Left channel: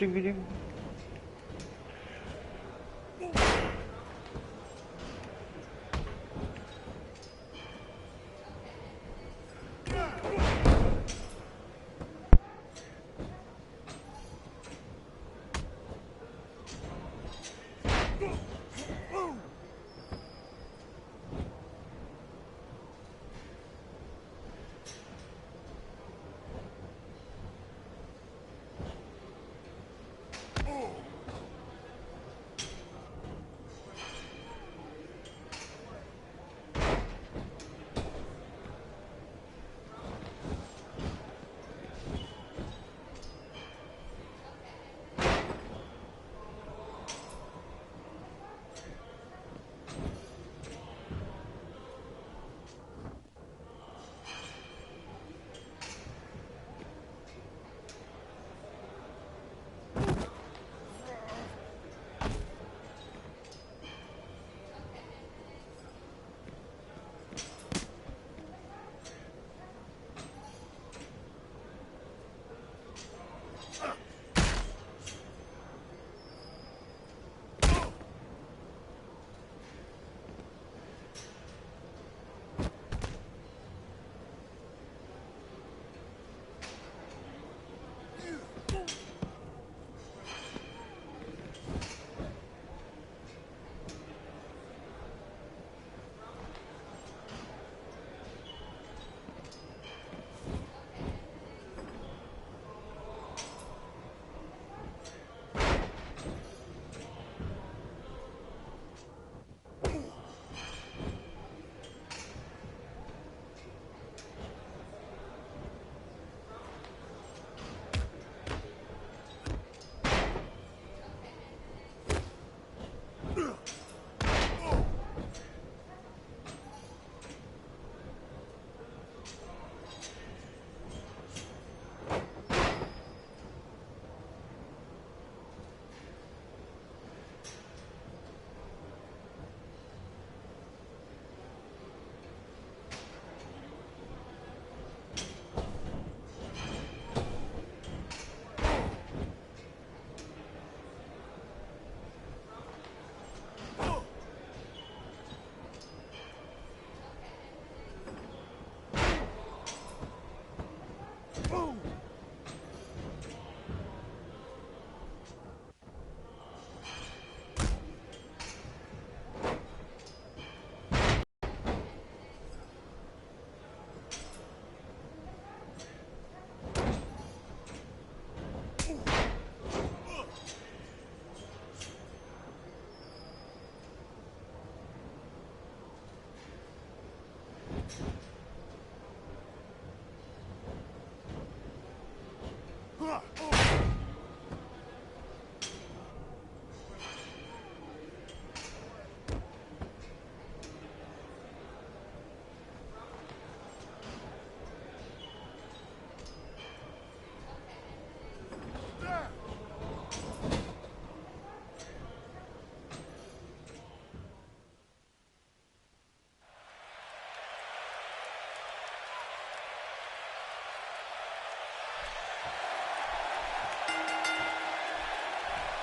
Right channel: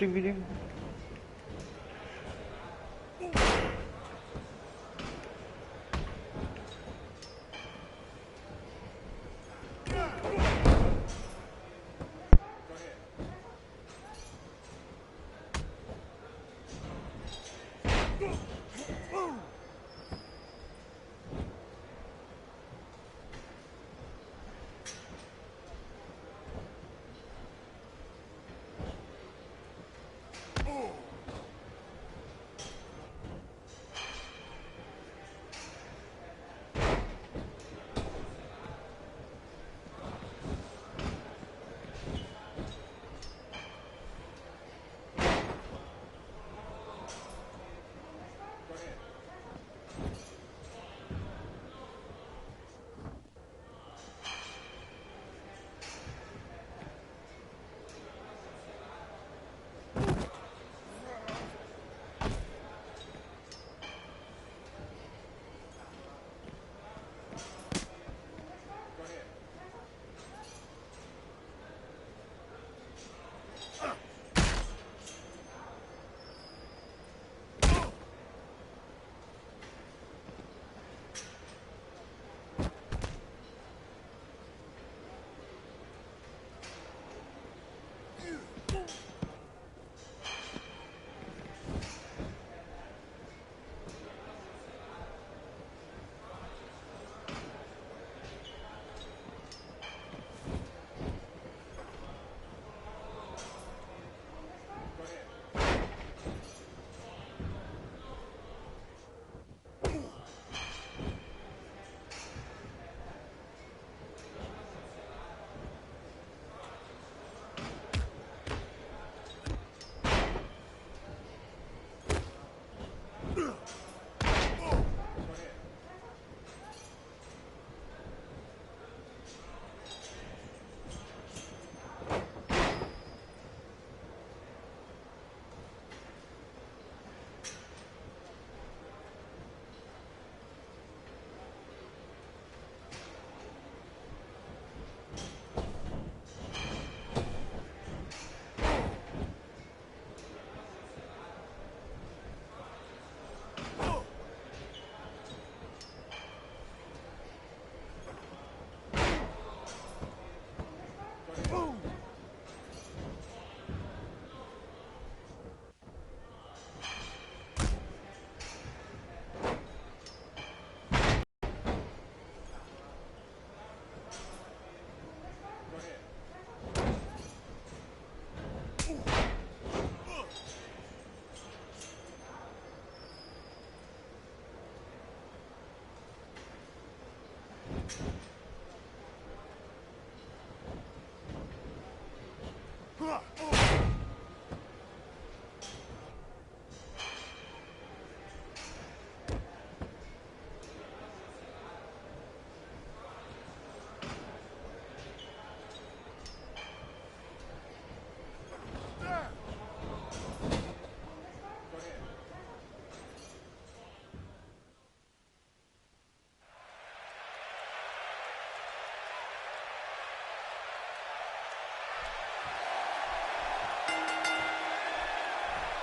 lifting meeting?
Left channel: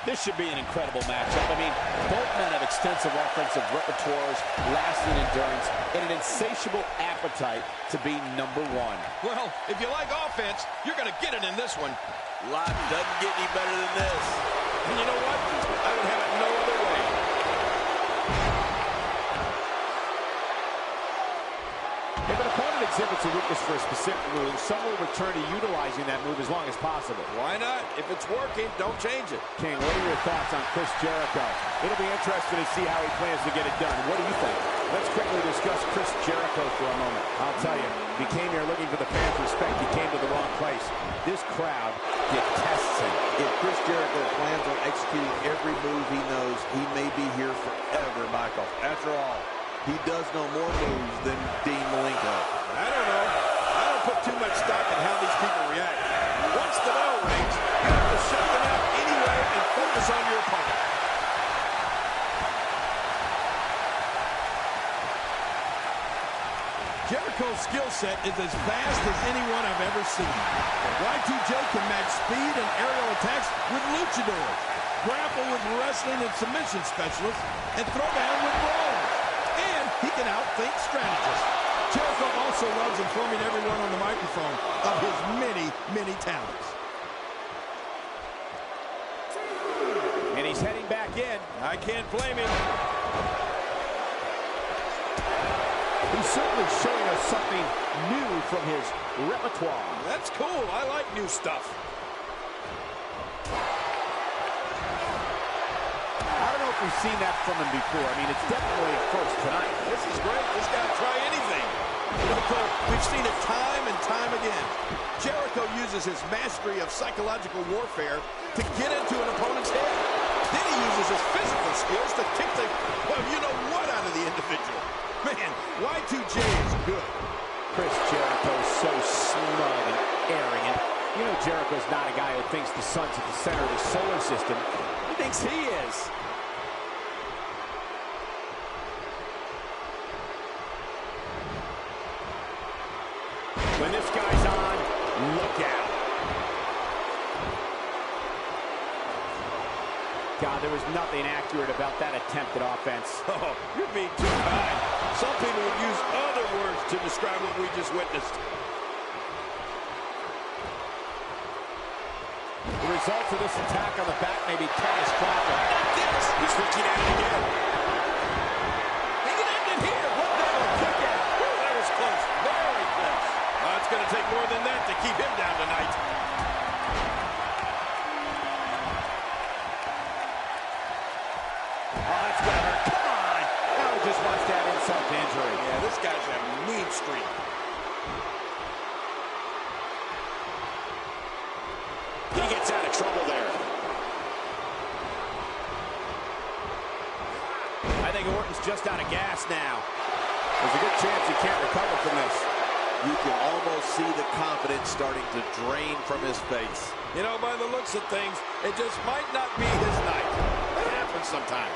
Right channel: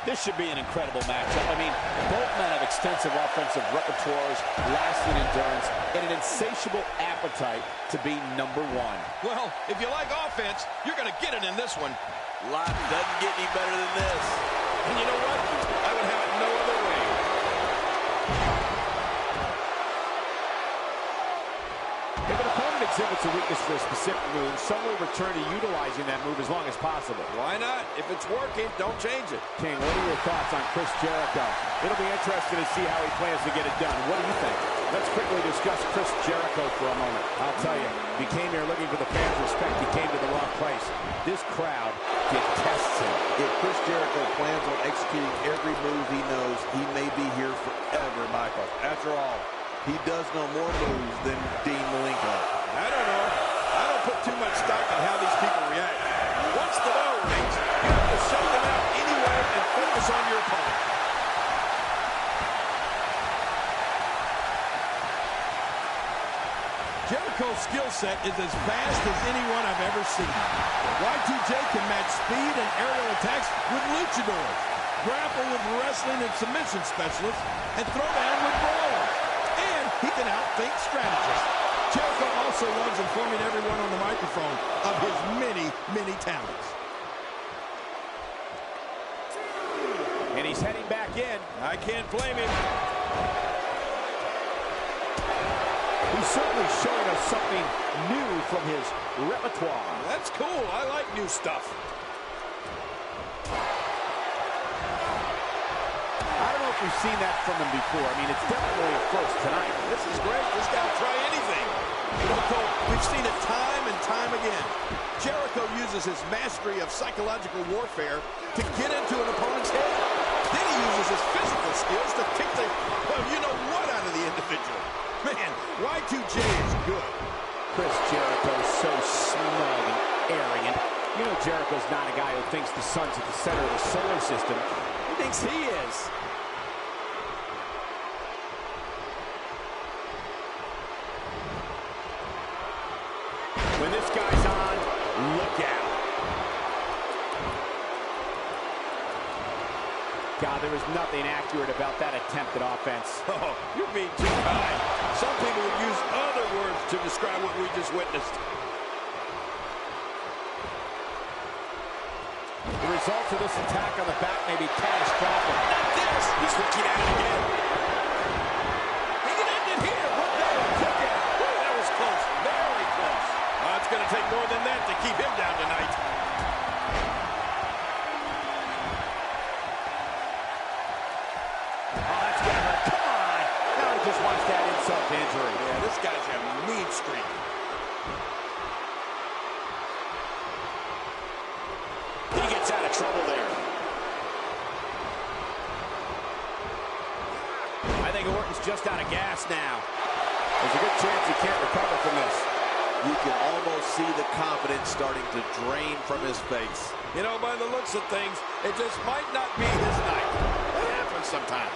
This should be an incredible matchup. I mean, both men have extensive offensive repertoires, lasting endurance, and an insatiable appetite to be number one. Well, if you like offense, you're going to get it in this one. Life doesn't get any better than this. And you know what? I would have it no other way. If an opponent exhibits a weakness for a specific move, some will return to utilizing that move as long as possible. Why not? If it's working, don't change it. King, what are your thoughts on Chris Jericho? It'll be interesting to see how he plans to get it done. What do you think? Let's quickly discuss Chris Jericho for a moment. I'll tell you, if he came here looking for the fans' respect, he came to the wrong place. This crowd detests him. If Chris Jericho plans on executing every move he knows, he may be here forever, Michael. After all, he does know more moves than Dean Malenko. I don't know. I don't put too much stock in how these people react. Once the bell rings, you have to shut them out anyway and focus on your opponent. Jericho Jericho's skill set is as fast as anyone I've ever seen. Y2J can match speed and aerial attacks with luchadors, grapple with wrestling and submission specialists, and throw down with brawlers. And he can outthink strategists. Jericho also loves informing everyone on the microphone of his many, many talents. And he's heading back in. I can't blame him. He's certainly showing us something new from his repertoire. That's cool. I like new stuff. I don't know if we've seen that from him before. I mean, it's definitely a first tonight. This is great. This guy will try anything. You know, Cole, we've seen it time and time again. Jericho uses his mastery of psychological warfare to get into an opponent's head. Then he uses his physical skills to kick the, well, you know what, out of the individual. Man, Y2J is good. Chris Jericho is so smug and arrogant. You know Jericho's not a guy who thinks the sun's at the center of the solar system. He thinks he is. When this guy's on, look out. God, there was nothing accurate about that attempt at offense. Oh, you're being too kind. Some people would use other words to describe what we just witnessed. The results of this attack on the back may be catastrophic. Not this. He's looking at it again. He can end it here. What now? A kick out. Woo, that was close. Very close. It's going to take more than that to keep him down tonight. Oh, that's gonna hurt. Come on! Now he just wants that insult to injury. Yeah, this guy's a mean streak. He gets out of trouble there. I think Orton's just out of gas now. There's a good chance he can't recover from this. You can almost see the confidence starting to drain from his face. You know, by the looks of things, it just might not be his night. That happens sometimes.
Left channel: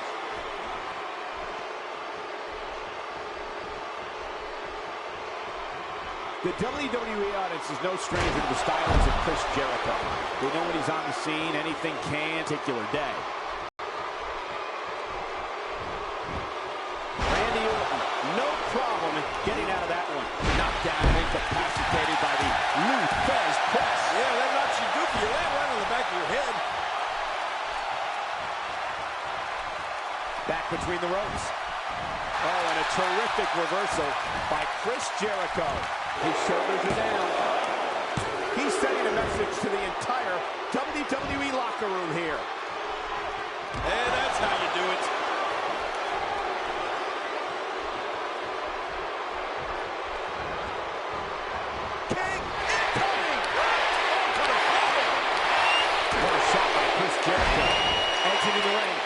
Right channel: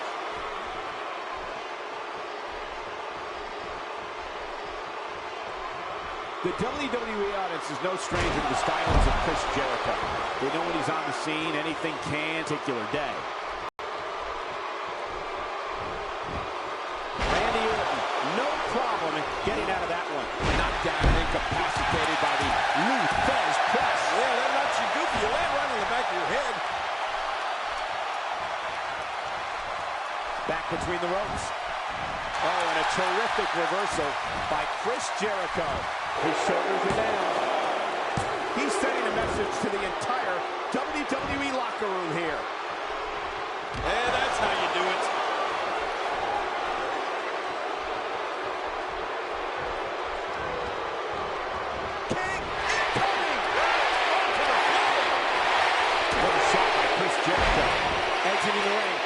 The WWE audience is no stranger to the stylings of Chris Jericho. They know when he's on the scene, anything can, particular day. Randy Orton, no problem getting out of that one. Knocked down and incapacitated by the Lou Thesz press. Yeah, that knocks you goofy. You land right on the back of your head. Back between the ropes. Oh, and a terrific reversal by Chris Jericho. His shoulders are down. He's sending a message to the entire WWE locker room here. And that's how you do it. King incoming! Onto the floor! What a shot by Chris Jericho. Exiting the ring.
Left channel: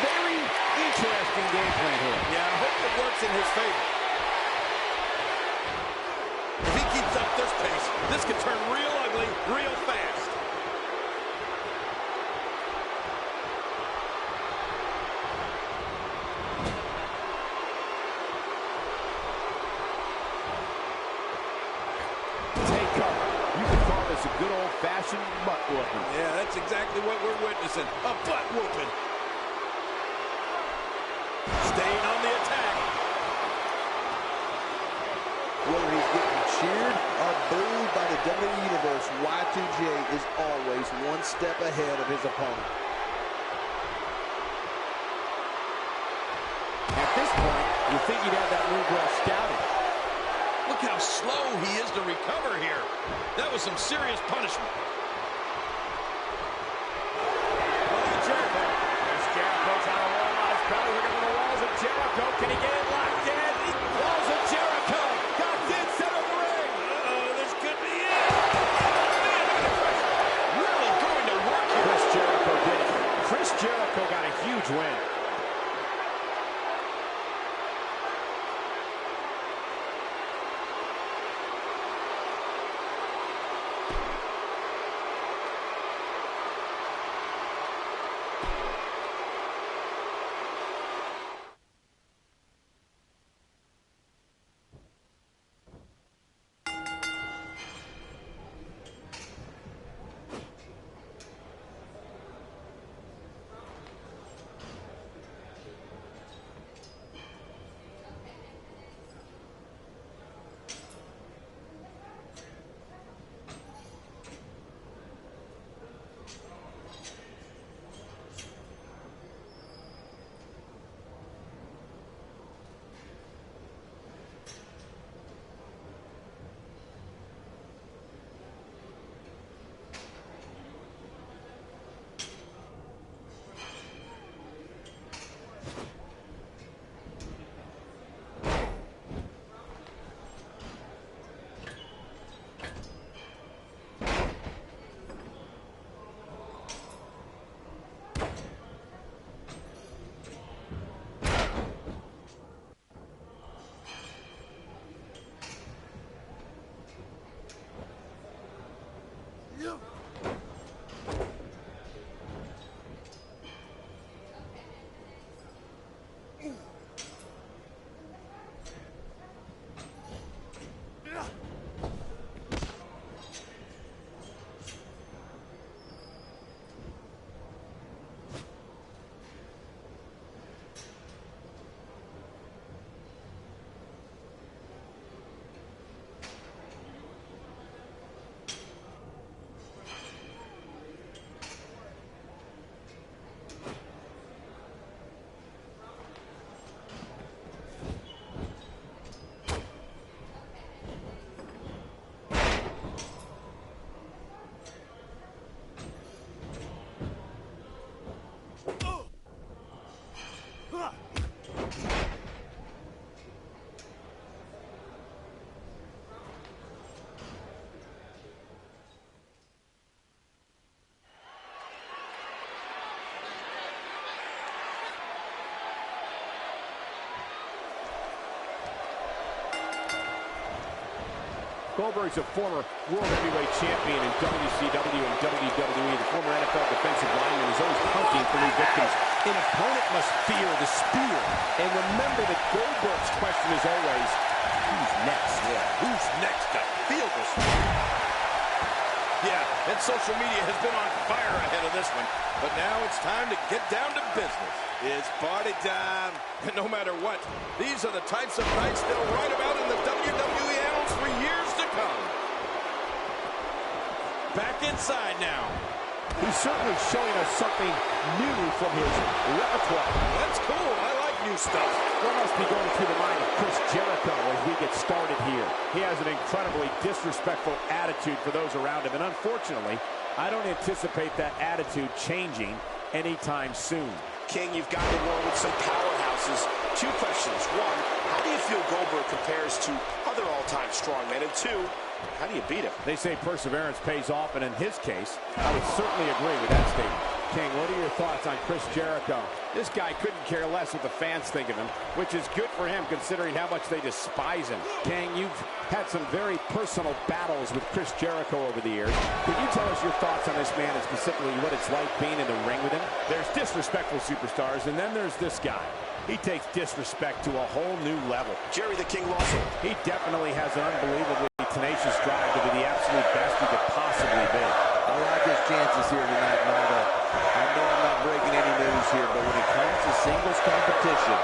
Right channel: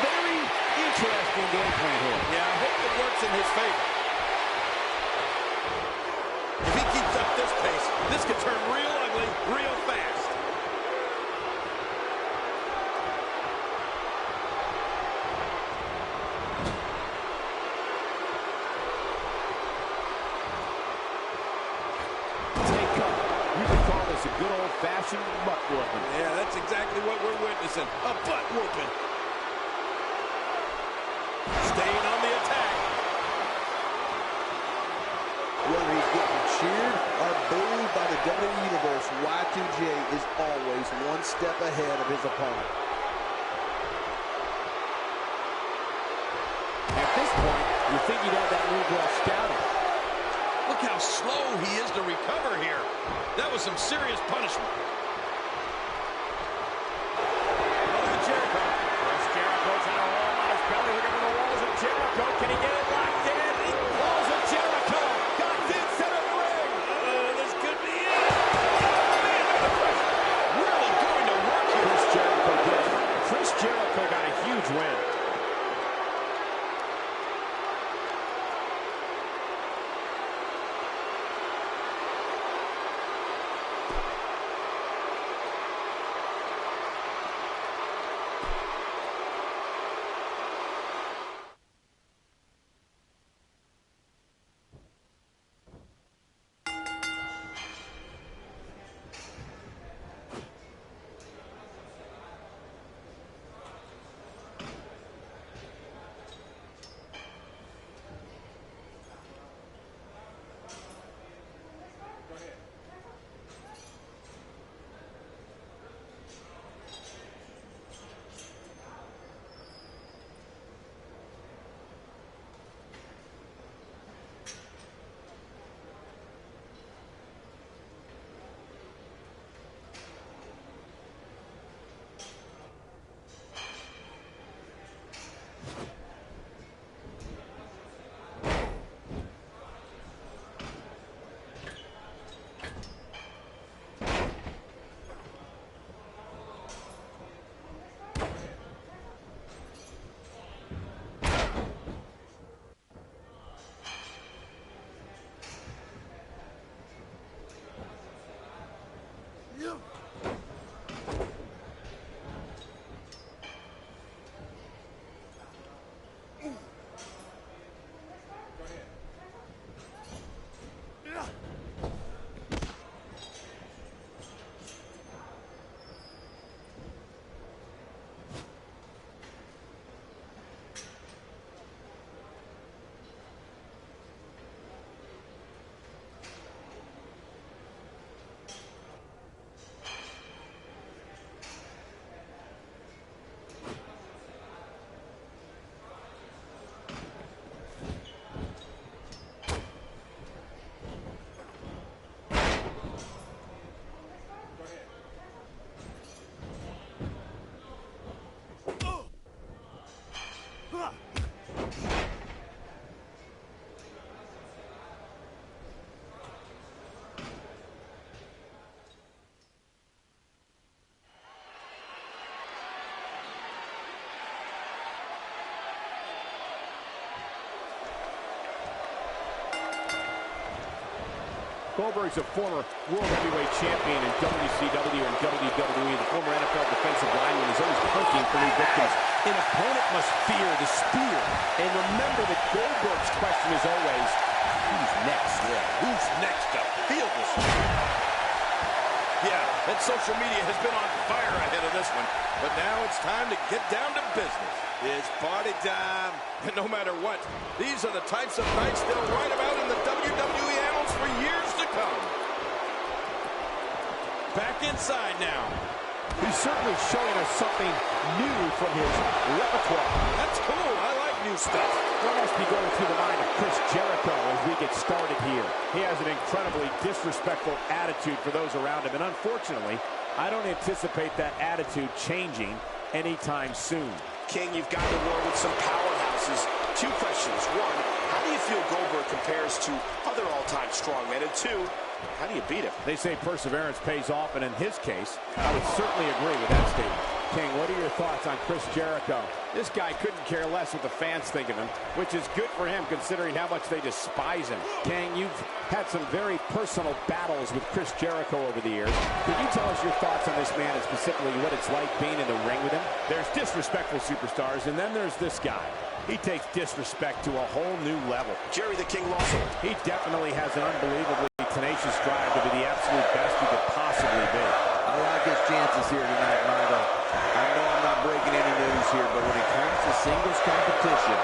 Very interesting game plan here. Yeah, I hope it works in his favor. If he keeps up this pace, this could turn real ugly real fast. Take cover. You could call this a good old-fashioned butt whooping. Yeah, that's exactly what we're witnessing. A butt whooping. Staying on the attack. Whether he's getting cheered or booed by the WWE Universe, Y2J is always one step ahead of his opponent. At this point, you think he'd have that move well scouted. Look how slow he is to recover here. That was some serious punishment. Look at Jericho. Chris Jericho's on a roll on his belly. Look at the walls of Jericho. Can he get it locked in? Walls of Jericho. Got in center of the ring. This could be it. Oh, man, look at the pressure. Really going to work here. Chris Jericho did it. Chris Jericho got a huge win. Goldberg's a former World Heavyweight Champion in WCW and WWE. The former NFL defensive lineman is always hunting for new victims. An opponent must fear the spear. And remember that Goldberg's question is always, who's next? Yeah, who's next to feel the spear? Yeah, and social media has been on fire ahead of this one. But now it's time to get down to business. It's party time. And no matter what, these are the types of nights they'll write about in the WWE annals for years to come. Back inside now. He's certainly showing us something new from his repertoire. That's cool. I like new stuff. What must be going through the mind of Chris Jericho as we get started here? He has an incredibly disrespectful attitude for those around him, and unfortunately, I don't anticipate that attitude changing anytime soon. King, you've gone to war with some powerhouses. Two questions. One, how do you feel Goldberg compares to other all-time strongmen? And two, how do you beat him? They say perseverance pays off, and in his case, I would certainly agree with that statement. King, what are your thoughts on Chris Jericho? This guy couldn't care less what the fans think of him, which is good for him considering how much they despise him. King, you've had some very personal battles with Chris Jericho over the years. Could you tell us your thoughts on this man and specifically what it's like being in the ring with him? There's disrespectful superstars, and then there's this guy. He takes disrespect to a whole new level. Jerry the King Lawson. He definitely has an unbelievably tenacious drive to be the absolute best he could possibly be. I like his chances here tonight, Michael. I know I'm not breaking any news here, but when it comes to singles competition,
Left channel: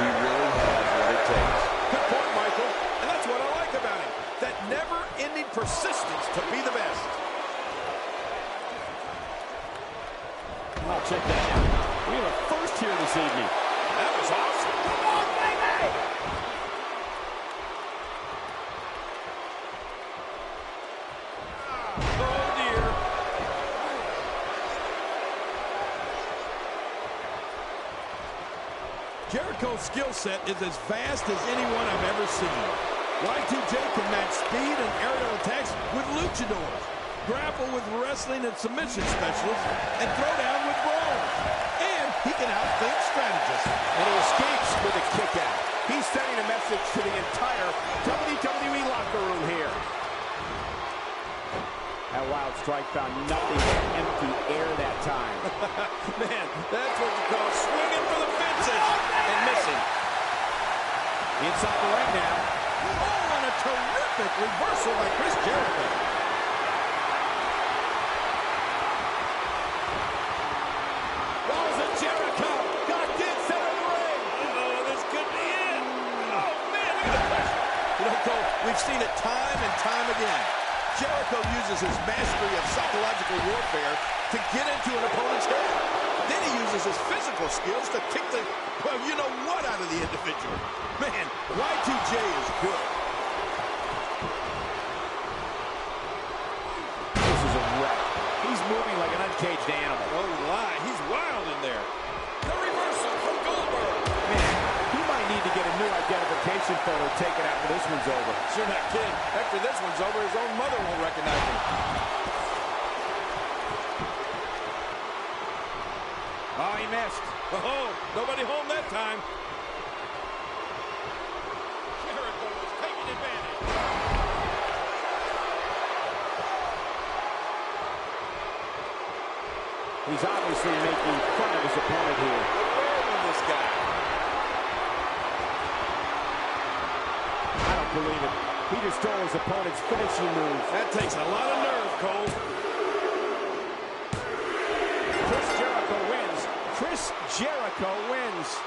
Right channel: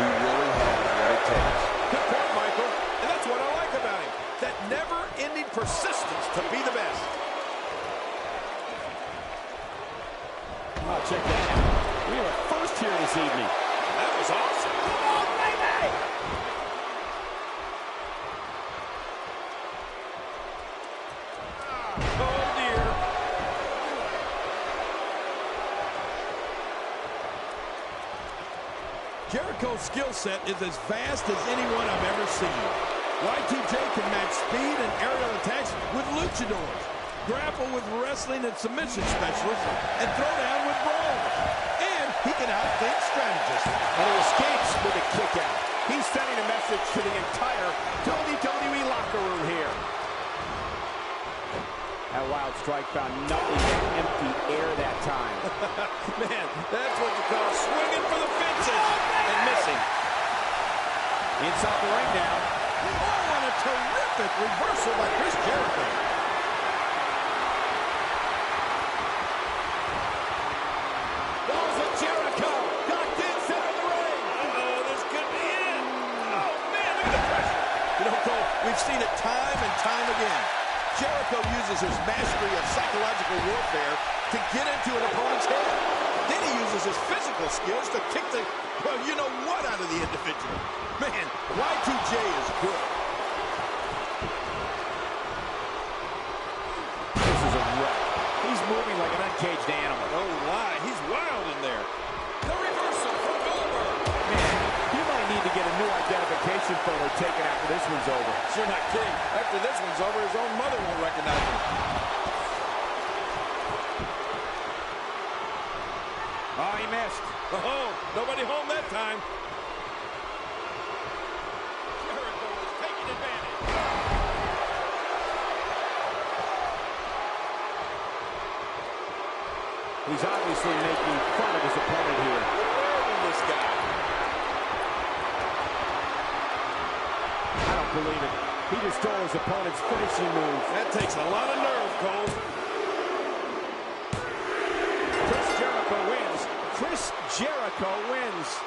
he really has what it takes. Good point, Michael. And that's what I like about him. That never-ending persistence to be the best. Well, check that out. We have a first here this evening. That was awesome. Come on, baby! Oh, dear. Jericho's skill set is as vast as anyone I've ever seen. Y2J can match speed and aerial attacks with luchadors, grapple with wrestling and submission specialists, and throw down with brawlers. And he can outthink strategists. And he escapes with a kick out. He's sending a message to the entire WWE locker room here. That wild strike found nothing but empty air that time. Man, that's what you call swinging for the fences and missing. Inside the ring now. Oh, and a terrific reversal by Chris Jericho. Balls of Jericho. Knocked in center of the ring. Uh-oh, this could be it. Oh, man, look at the pressure. You know, Cole, we've seen it time and time again. Jericho uses his mastery of psychological warfare to get into an opponent's head. Then he uses his physical skills to kick the, well, you know what out of the individual. Man, Y2J is good. This is a wreck. He's moving like an uncaged animal. No lie, he's wild in there. The reversal from Goldberg. Man, he might need to get a new identification photo taken after this one's over. You're not kidding. After this one's over, his own mother won't recognize him. Oh, he missed. Oh, nobody home that time. Jericho was taking advantage. He's obviously making fun of his opponent here. Where is this guy? I don't believe it. He just stole his opponent's finishing move. That takes a lot of nerve, Cole. Chris Jericho wins. Chris Jericho wins.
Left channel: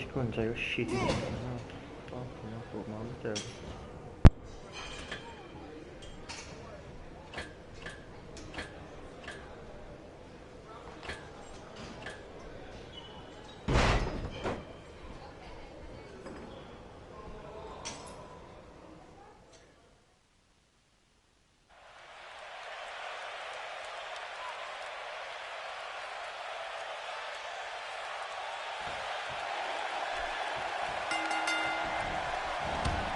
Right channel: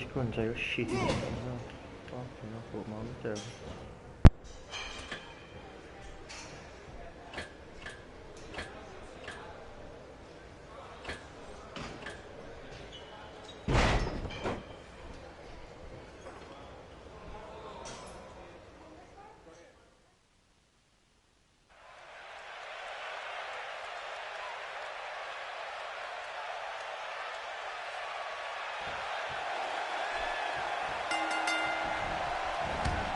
esconde, aí o cheat. Ó, não, pô, mal não quero.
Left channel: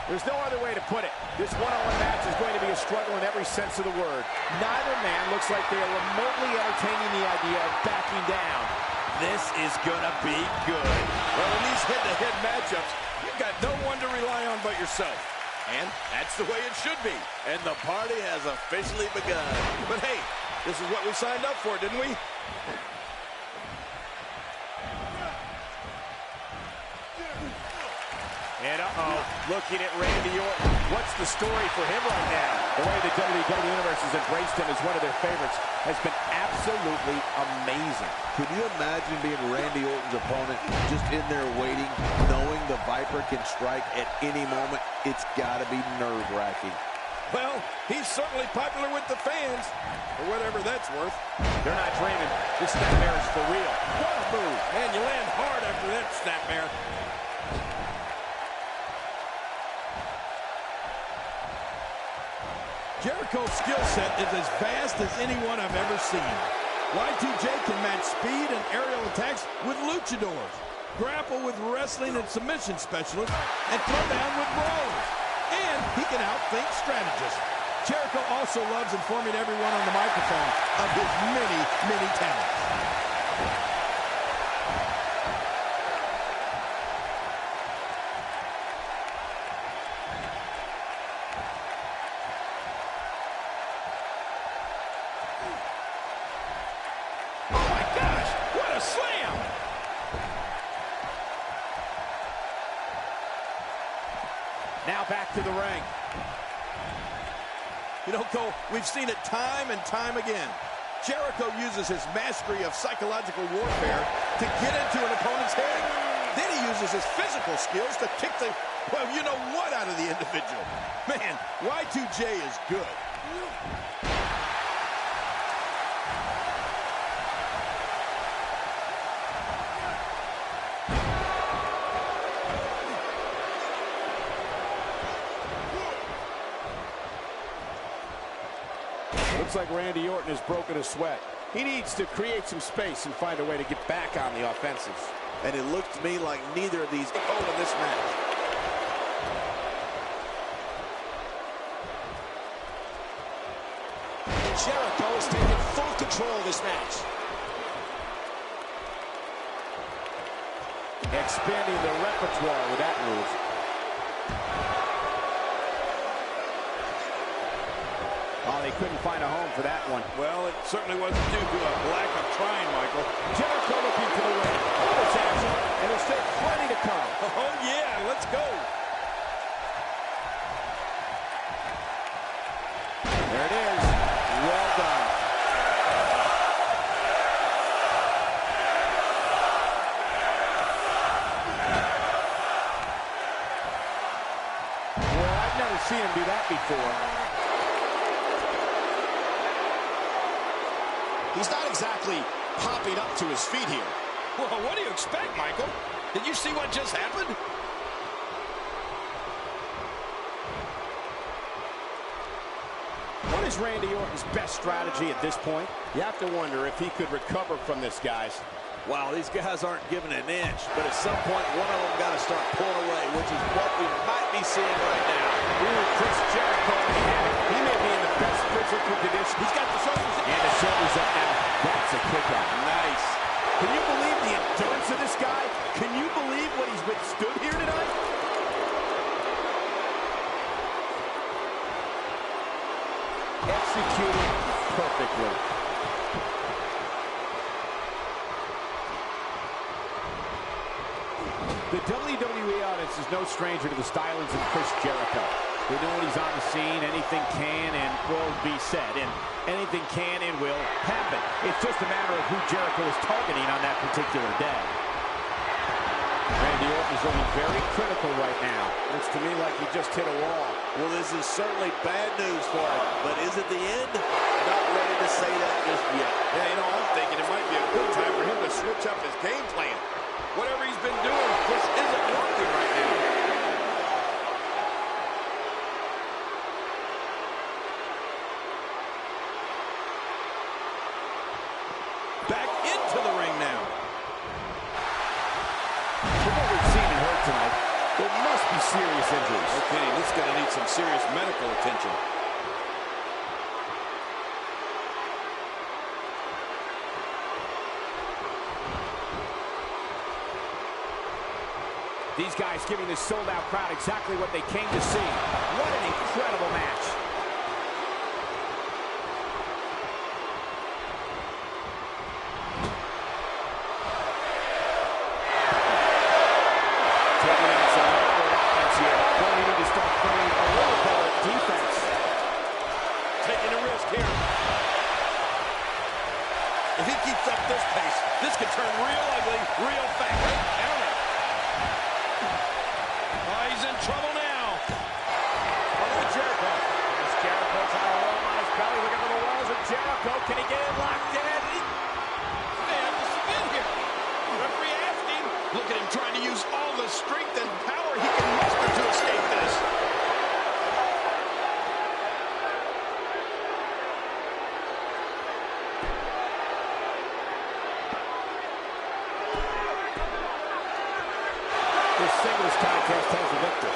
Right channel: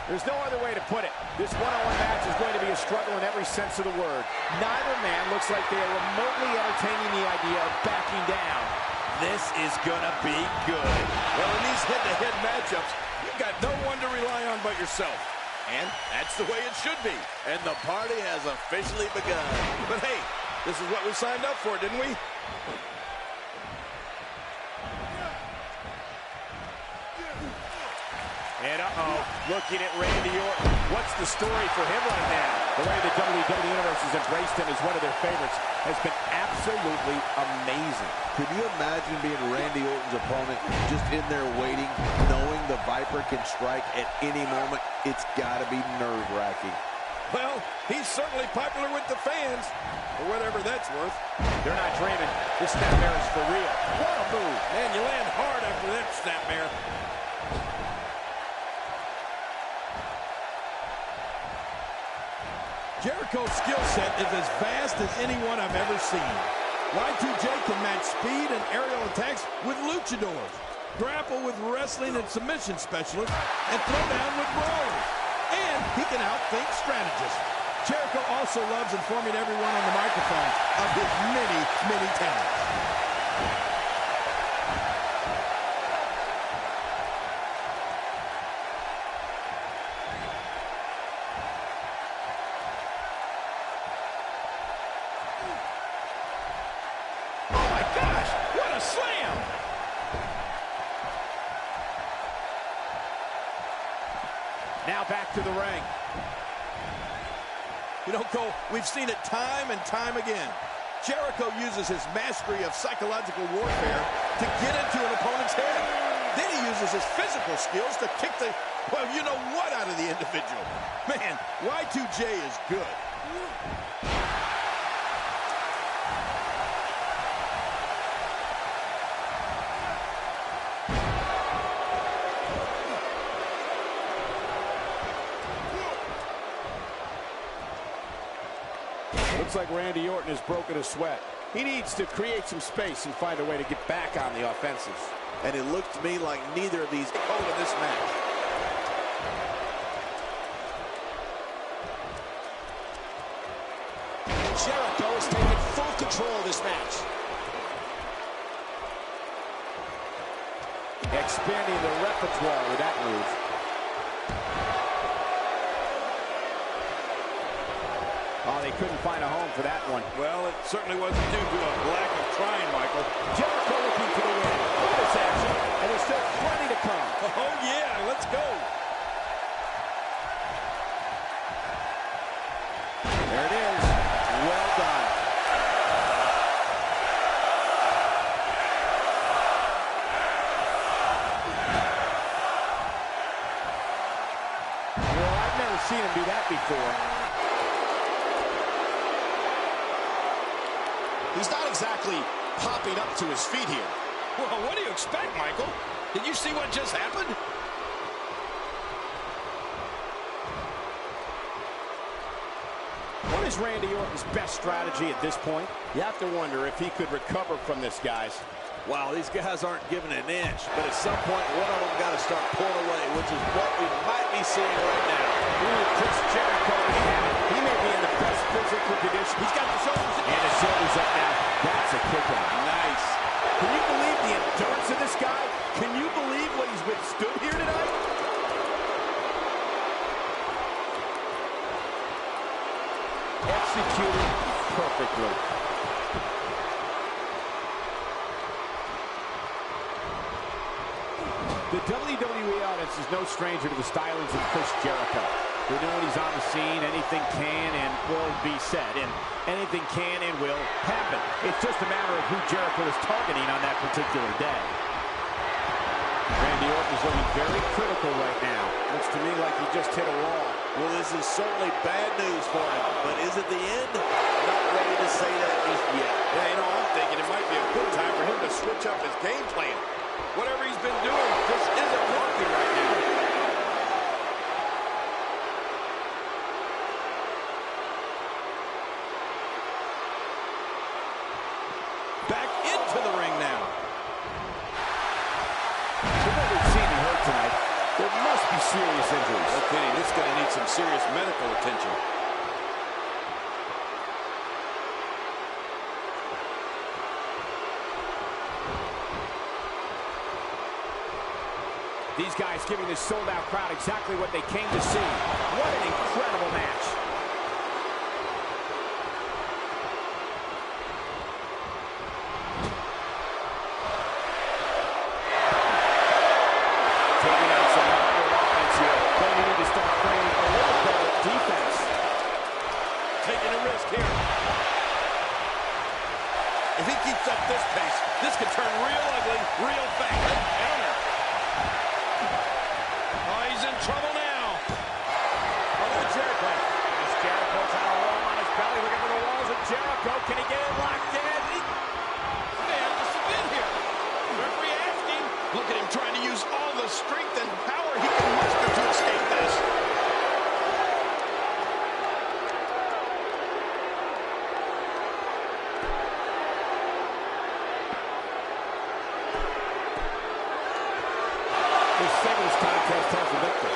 There's no other way to put it. This one-on-one match is going to be a struggle in every sense of the word. Neither man looks like they are remotely entertaining the idea of backing down. This is gonna be good. Well, in these head-to-head matchups, you've got no one to rely on but yourself. And that's the way it should be. And the party has officially begun. But hey, this is what we signed up for, didn't we? And looking at Randy Orton. What's the story for him right now? The way the WWE Universe has embraced him as one of their favorites has been absolutely amazing. Could you imagine being Randy Orton's opponent, just in there waiting, knowing the Viper can strike at any moment? It's got to be nerve-wracking. Well, he's certainly popular with the fans, for whatever that's worth. They're not dreaming. This snapmare is for real. What a move. Man, you land hard after that snapmare. Jericho's skill set is as vast as anyone I've ever seen. Y2J can match speed and aerial attacks with luchadors, grapple with wrestling and submission specialists, and throw down with brawlers. And he can outthink strategists. Jericho also loves informing everyone on the microphone of his many, many talents. Oh my gosh, what a slam! Now back to the ring. You know, Cole, we've seen it time and time again. Jericho uses his mastery of psychological warfare to get into an opponent's head. Then he uses his physical skills to kick the, well, you know what out of the individual. Man, Y2J is good. Looks like Randy Orton has broken a sweat. He needs to create some space and find a way to get back on the offensive. And it looks to me like neither of these take hold of this match. Jericho has taken full control of this match. Expanding the repertoire with that move. Oh, they couldn't find a home for that one. Well, it certainly wasn't due to a lack of trying, Michael. Jericho looking for the win. Look at this action, and there's still plenty to come. Oh, yeah, let's go. There it is. Well done. Well, I've never seen him do that before. He's not exactly popping up to his feet here. Well, what do you expect, Michael? Did you see what just happened? What is Randy Orton's best strategy at this point? You have to wonder if he could recover from this, guys. Wow, these guys aren't giving an inch, but at some point, one of them got to start pulling away, which is what we might be seeing right now. Ooh, Chris Jericho may have it. He may be in the best physical condition. He's got the shoulders in. And the shoulders up now. That's a kick out. Nice. Can you believe the endurance of this guy? Can you believe what he's withstood here tonight? Executed perfectly. The WWE audience is no stranger to the stylings of Chris Jericho. They know when he's on the scene, anything can and will be said, and anything can and will happen. It's just a matter of who Jericho is targeting on that particular day. Randy Randy Orton is looking very critical right now. Looks to me like he just hit a wall. Well, this is certainly bad news for him, but is it the end? Not ready to say that just yet. Yeah, you know, I'm thinking it might be a good time for him to switch up his game plan. Whatever he's been doing just isn't working right now. Back into the ring now. From what we've seen and heard tonight, there must be serious injuries. Okay, this is going to need some serious medical attention. These guys giving this sold-out crowd exactly what they came to see. What an incredible match. Taking out some awkward offense here. Going to need to start playing a little better defense. Taking a risk here. If he keeps up this pace, this could turn real ugly real fast. Right counter. Oh, he's in trouble now. Oh, look at Jericho. There's Jericho trying to roll on his belly. Looking for the walls of Jericho. Can he get it locked in? May have to submit here. Referee asking. Look at him trying to use all the strength and power he can muster to escape this. This singles contest has the victor.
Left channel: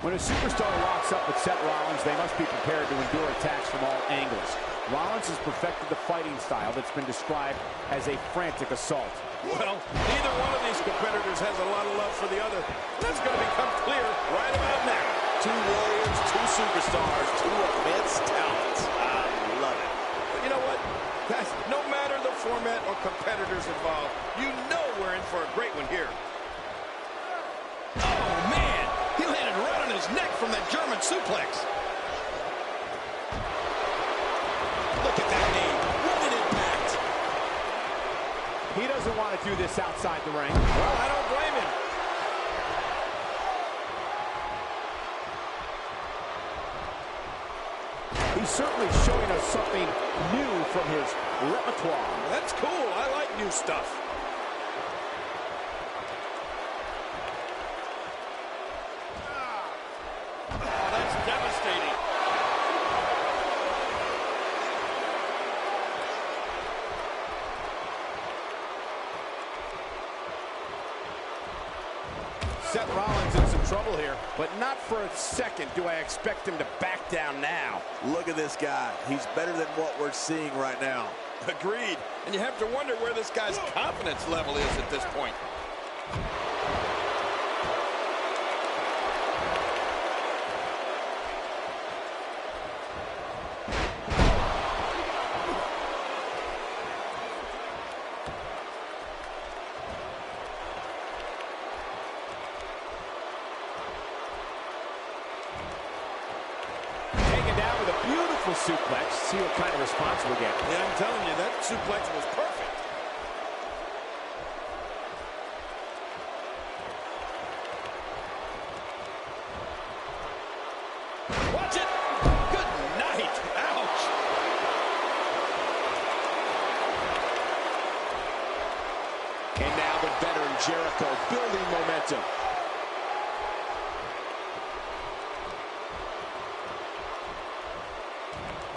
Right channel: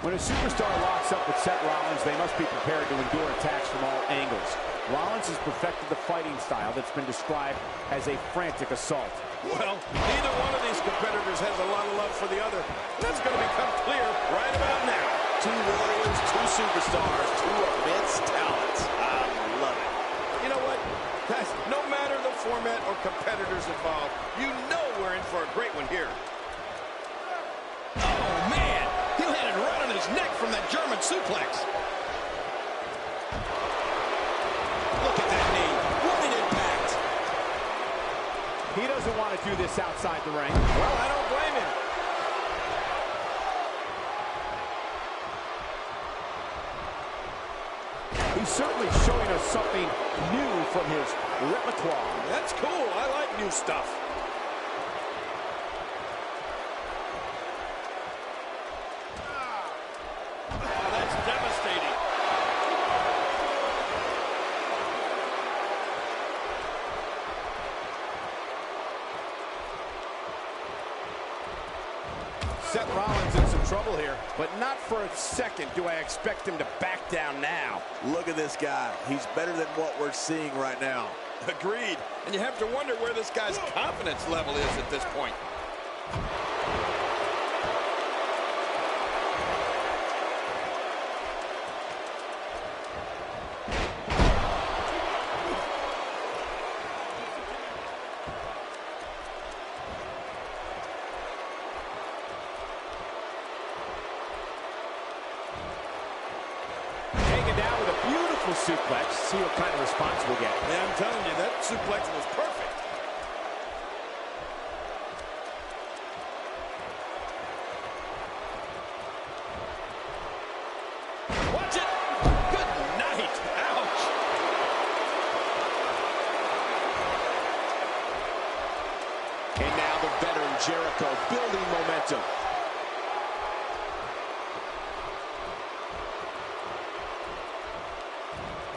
When a superstar locks up with Seth Rollins, they must be prepared to endure attacks from all angles. Rollins has perfected the fighting style that's been described as a frantic assault. Well, neither one of these competitors has a lot of love for the other. That's going to become clear right about now. Two warriors, two superstars, two immense talents. I love it. But you know what? Guys, no matter the format or competitors involved, you know we're in for a great one here. Oh, man! He landed right on his neck from that German suplex. Look at that knee. What an impact. He doesn't want to do this outside the ring. Well, I don't blame him. He's certainly showing us something new from his repertoire. That's cool. I like new stuff. Oh, that's devastating. Seth Rollins in some trouble here, but not for a second do I expect him to back down now. Look at this guy. He's better than what we're seeing right now. Agreed. And you have to wonder where this guy's confidence level is at this point. Down with a beautiful suplex. See what kind of response we'll get. Yeah, I'm telling you, that suplex was perfect. Watch it. Good night. Ouch. And now the veteran Jericho building momentum.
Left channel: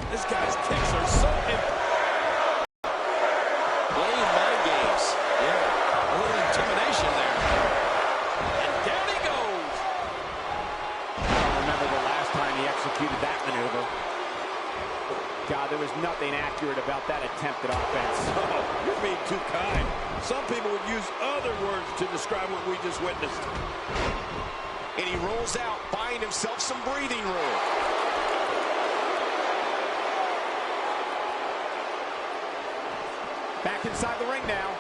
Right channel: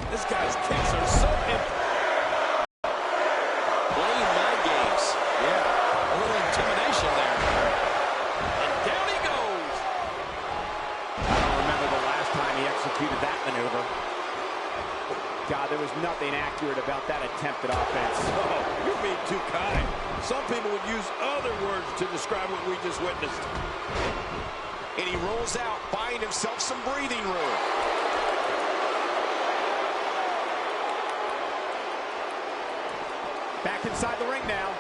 This guy's kicks are so Playing mind games. Yeah, a little intimidation there. And down he goes. I don't remember the last time he executed that maneuver. God, there was nothing accurate about that attempt at offense. Oh, you're being too kind. Some people would use other words to describe what we just witnessed. And he rolls out, buying himself some breathing room. Back inside the ring now.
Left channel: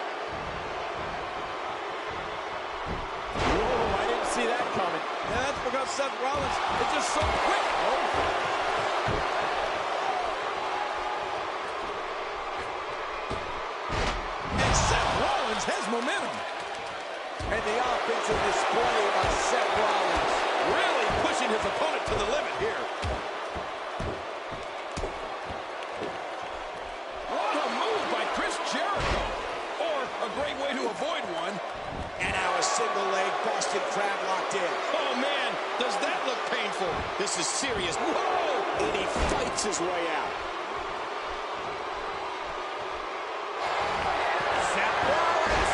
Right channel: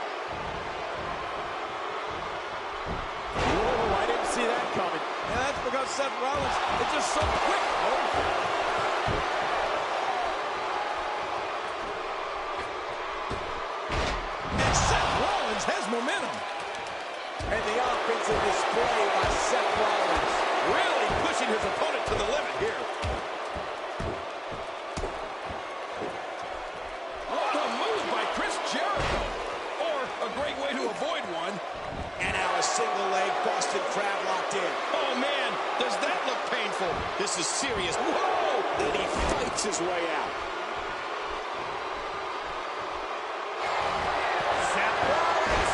Whoa, I didn't see that coming. Yeah, that's because Seth Rollins is just so quick. Oh. And Seth Rollins has momentum. And the offensive display by Seth Rollins. Really pushing his opponent to the limit here. What a move by Chris Jericho. Or a great way to avoid one. And now a single leg Boston Crab locked in. Oh, man, does that look painful? This is serious. Whoa! And he fights his way out. Seth Rollins.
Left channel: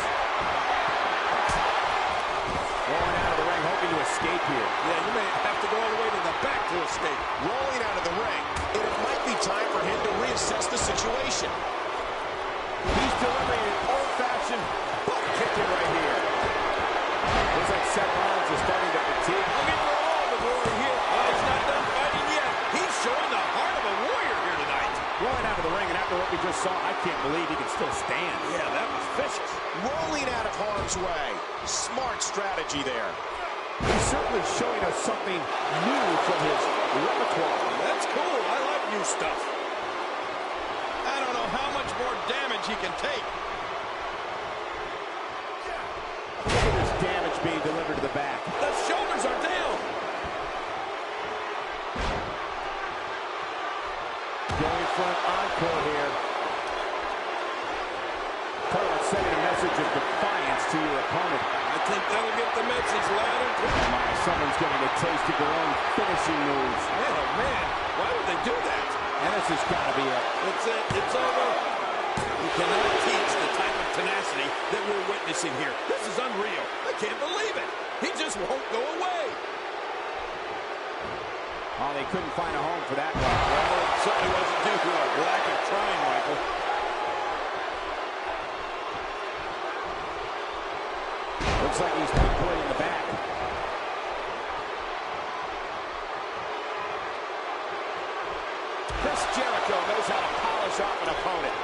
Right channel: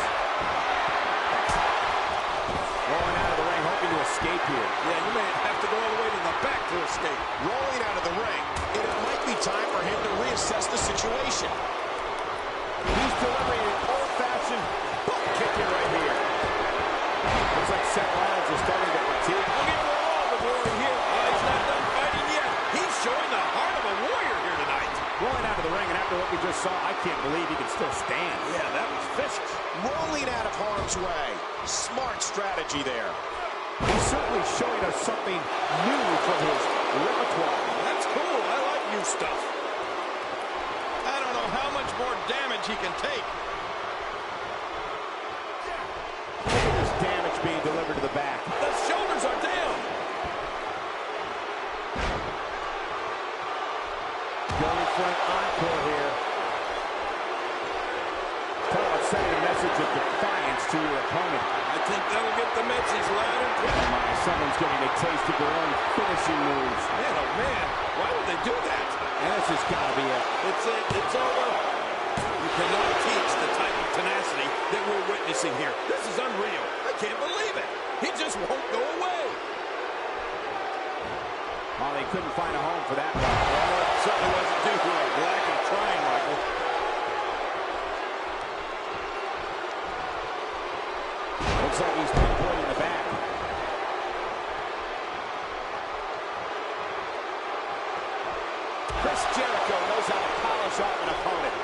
Rolling out of the ring, hoping to escape here. Yeah, you may have to go all the way to the back to escape. Rolling out of the ring, and it might be time for him to reassess the situation. He's delivering an old-fashioned butt kicking right here. Looks like Seth Rollins is starting to fatigue. Looking for all the glory here. Oh, he's not done fighting yet. He's showing the heart of a warrior here tonight. Rolling out of the ring, and after what we just saw, I can't believe he can still stand. Yeah, that was vicious. Rolling out of harm's way. Smart strategy there. He's certainly showing us something new from his repertoire. That's cool. I like new stuff. I don't know how much more damage he can take. Look at this damage being delivered to the back. The shoulders are down. Going for an encore here. Talk about sending a message of defiance to your opponent. I think that'll get the message loud and clear. My, someone's getting a taste of their own finishing moves. Man, oh man, why would they do that? And this has got to be it. It's it. It's over. You cannot teach the type of tenacity that we're witnessing here. This is unreal. I can't believe it. He just won't go away. Oh, they couldn't find a home for that one. Well, it certainly wasn't due to a lack of trying, Michael. Looks like he's pinpointing the back. Chris Jericho knows how to polish off an opponent.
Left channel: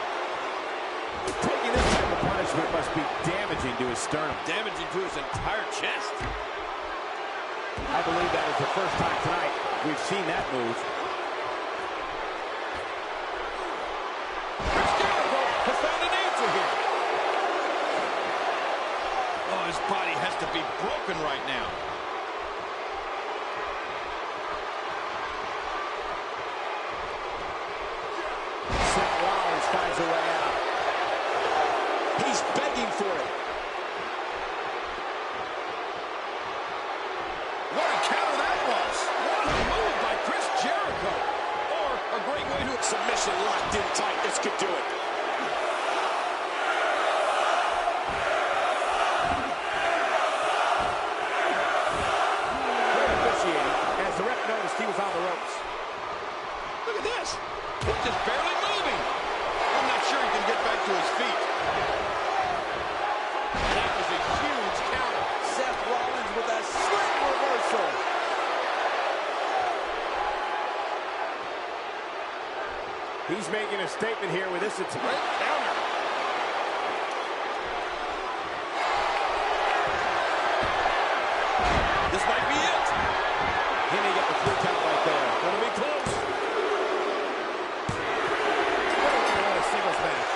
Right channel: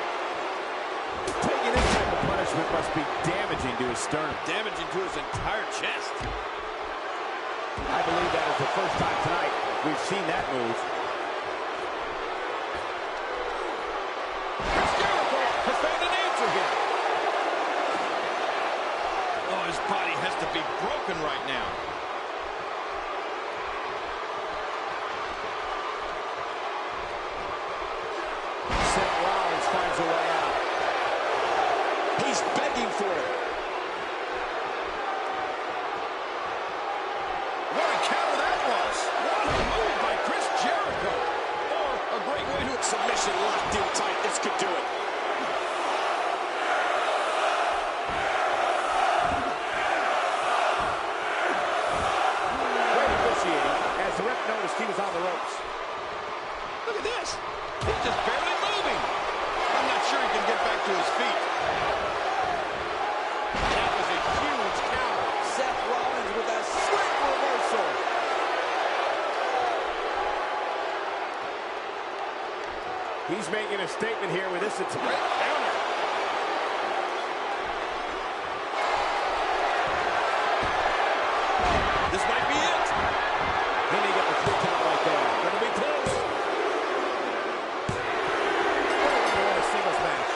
Taking this type of punishment must be damaging to his sternum. Damaging to his entire chest. I believe that is the first time tonight we've seen that move. This body has to be broken right now. Seth Rollins finds a way out. He's begging for it. What a counter that was. What a move by Chris Jericho. Or a great way to... Submission locked in tight. This could do it. Great officiating as the ref noticed he was on the ropes. Look at this. He's just barely moving. I'm not sure he can get back to his feet. That was a huge counter. Seth Rollins with a slick reversal. He's making a statement here with this attempt. Great counter. This might be it. He may get the 3 count right there. Gonna be close. What a way to win a singles match.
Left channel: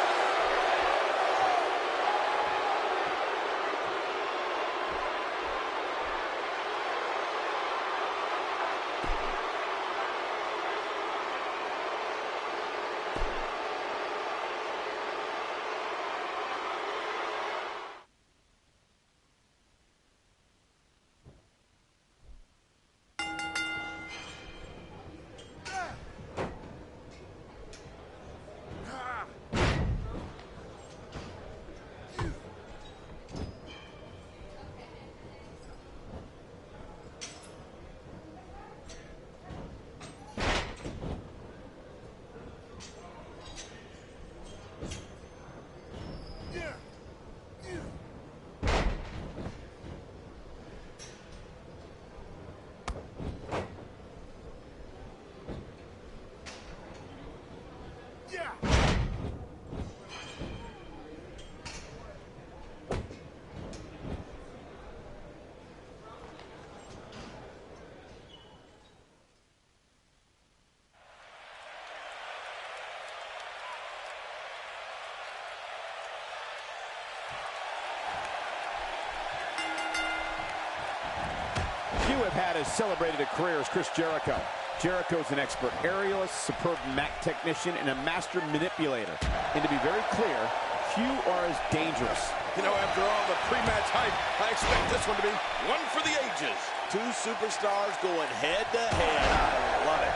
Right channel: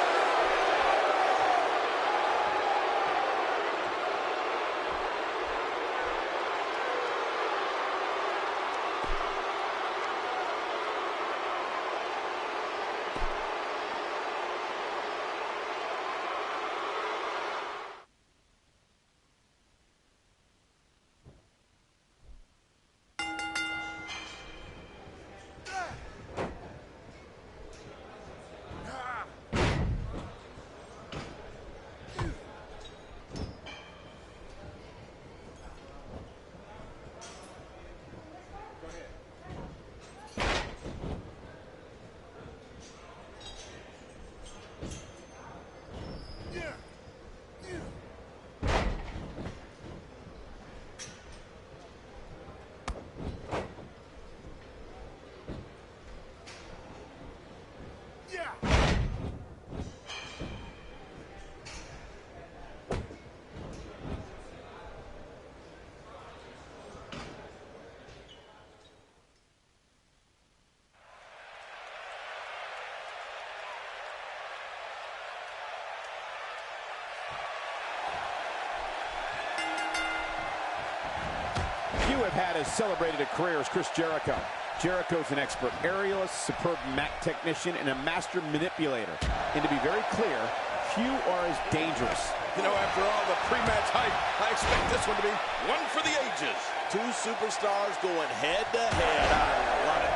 Few have had as celebrated a career as Chris Jericho. Jericho's an expert aerialist, superb mat technician, and a master manipulator. And to be very clear, few are as dangerous. You know, after all the pre-match hype, I expect this one to be one for the ages. 2 superstars going head-to-head. I love it.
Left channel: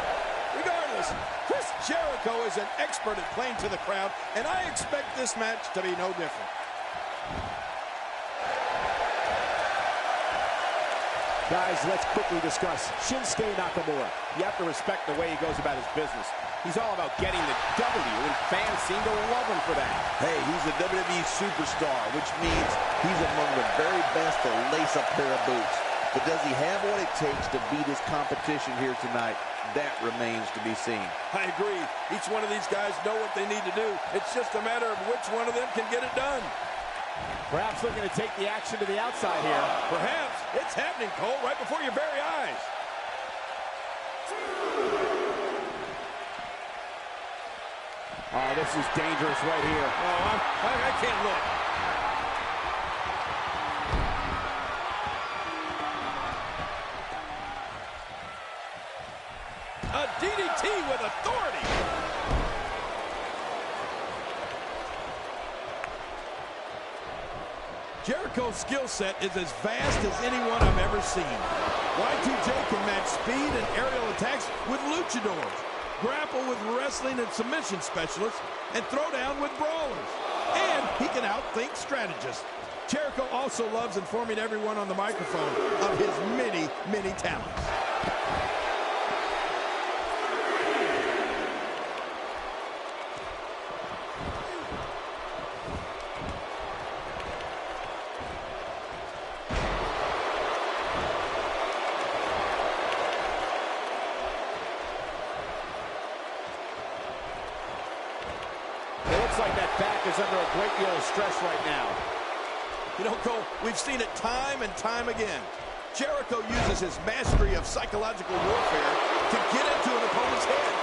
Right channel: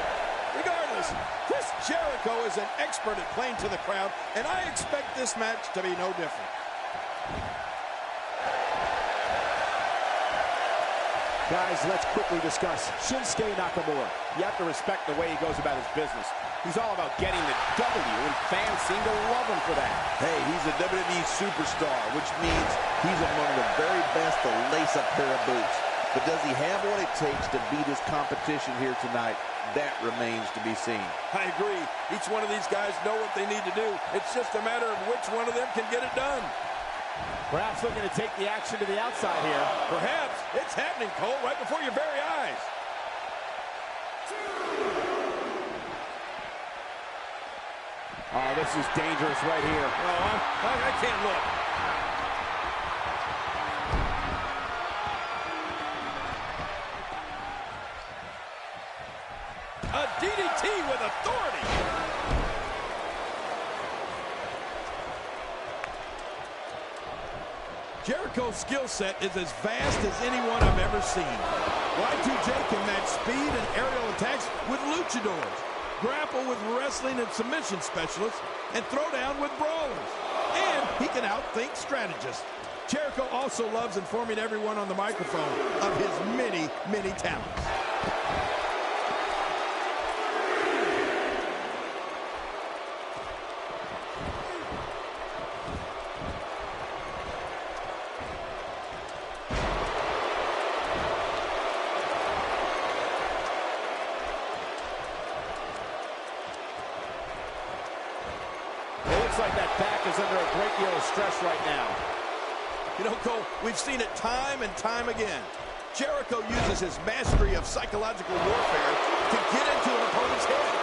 Regardless, Chris Jericho is an expert at playing to the crowd, and I expect this match to be no different. Guys, let's quickly discuss Shinsuke Nakamura. You have to respect the way he goes about his business. He's all about getting the W, and fans seem to love him for that. Hey, he's a WWE superstar, which means he's among the very best to lace a pair of boots. But does he have what it takes to beat his competition here tonight? That remains to be seen. I agree. Each one of these guys know what they need to do. It's just a matter of which one of them can get it done. Perhaps looking to take the action to the outside here. Perhaps. It's happening, Cole, right before your very eyes. Oh, this is dangerous right here. Oh, I can't look. A DDT with authority. Jericho's skill set is as vast as anyone I've ever seen. Y2J can match speed and aerial attacks with luchadors, grapple with wrestling and submission specialists, and throw down with brawlers. And he can outthink strategists. Jericho also loves informing everyone on the microphone of his many, many talents. Looks like that back is under a great deal of stress right now. You know, Cole, we've seen it time and time again. Jericho uses his mastery of psychological warfare to get into an opponent's head.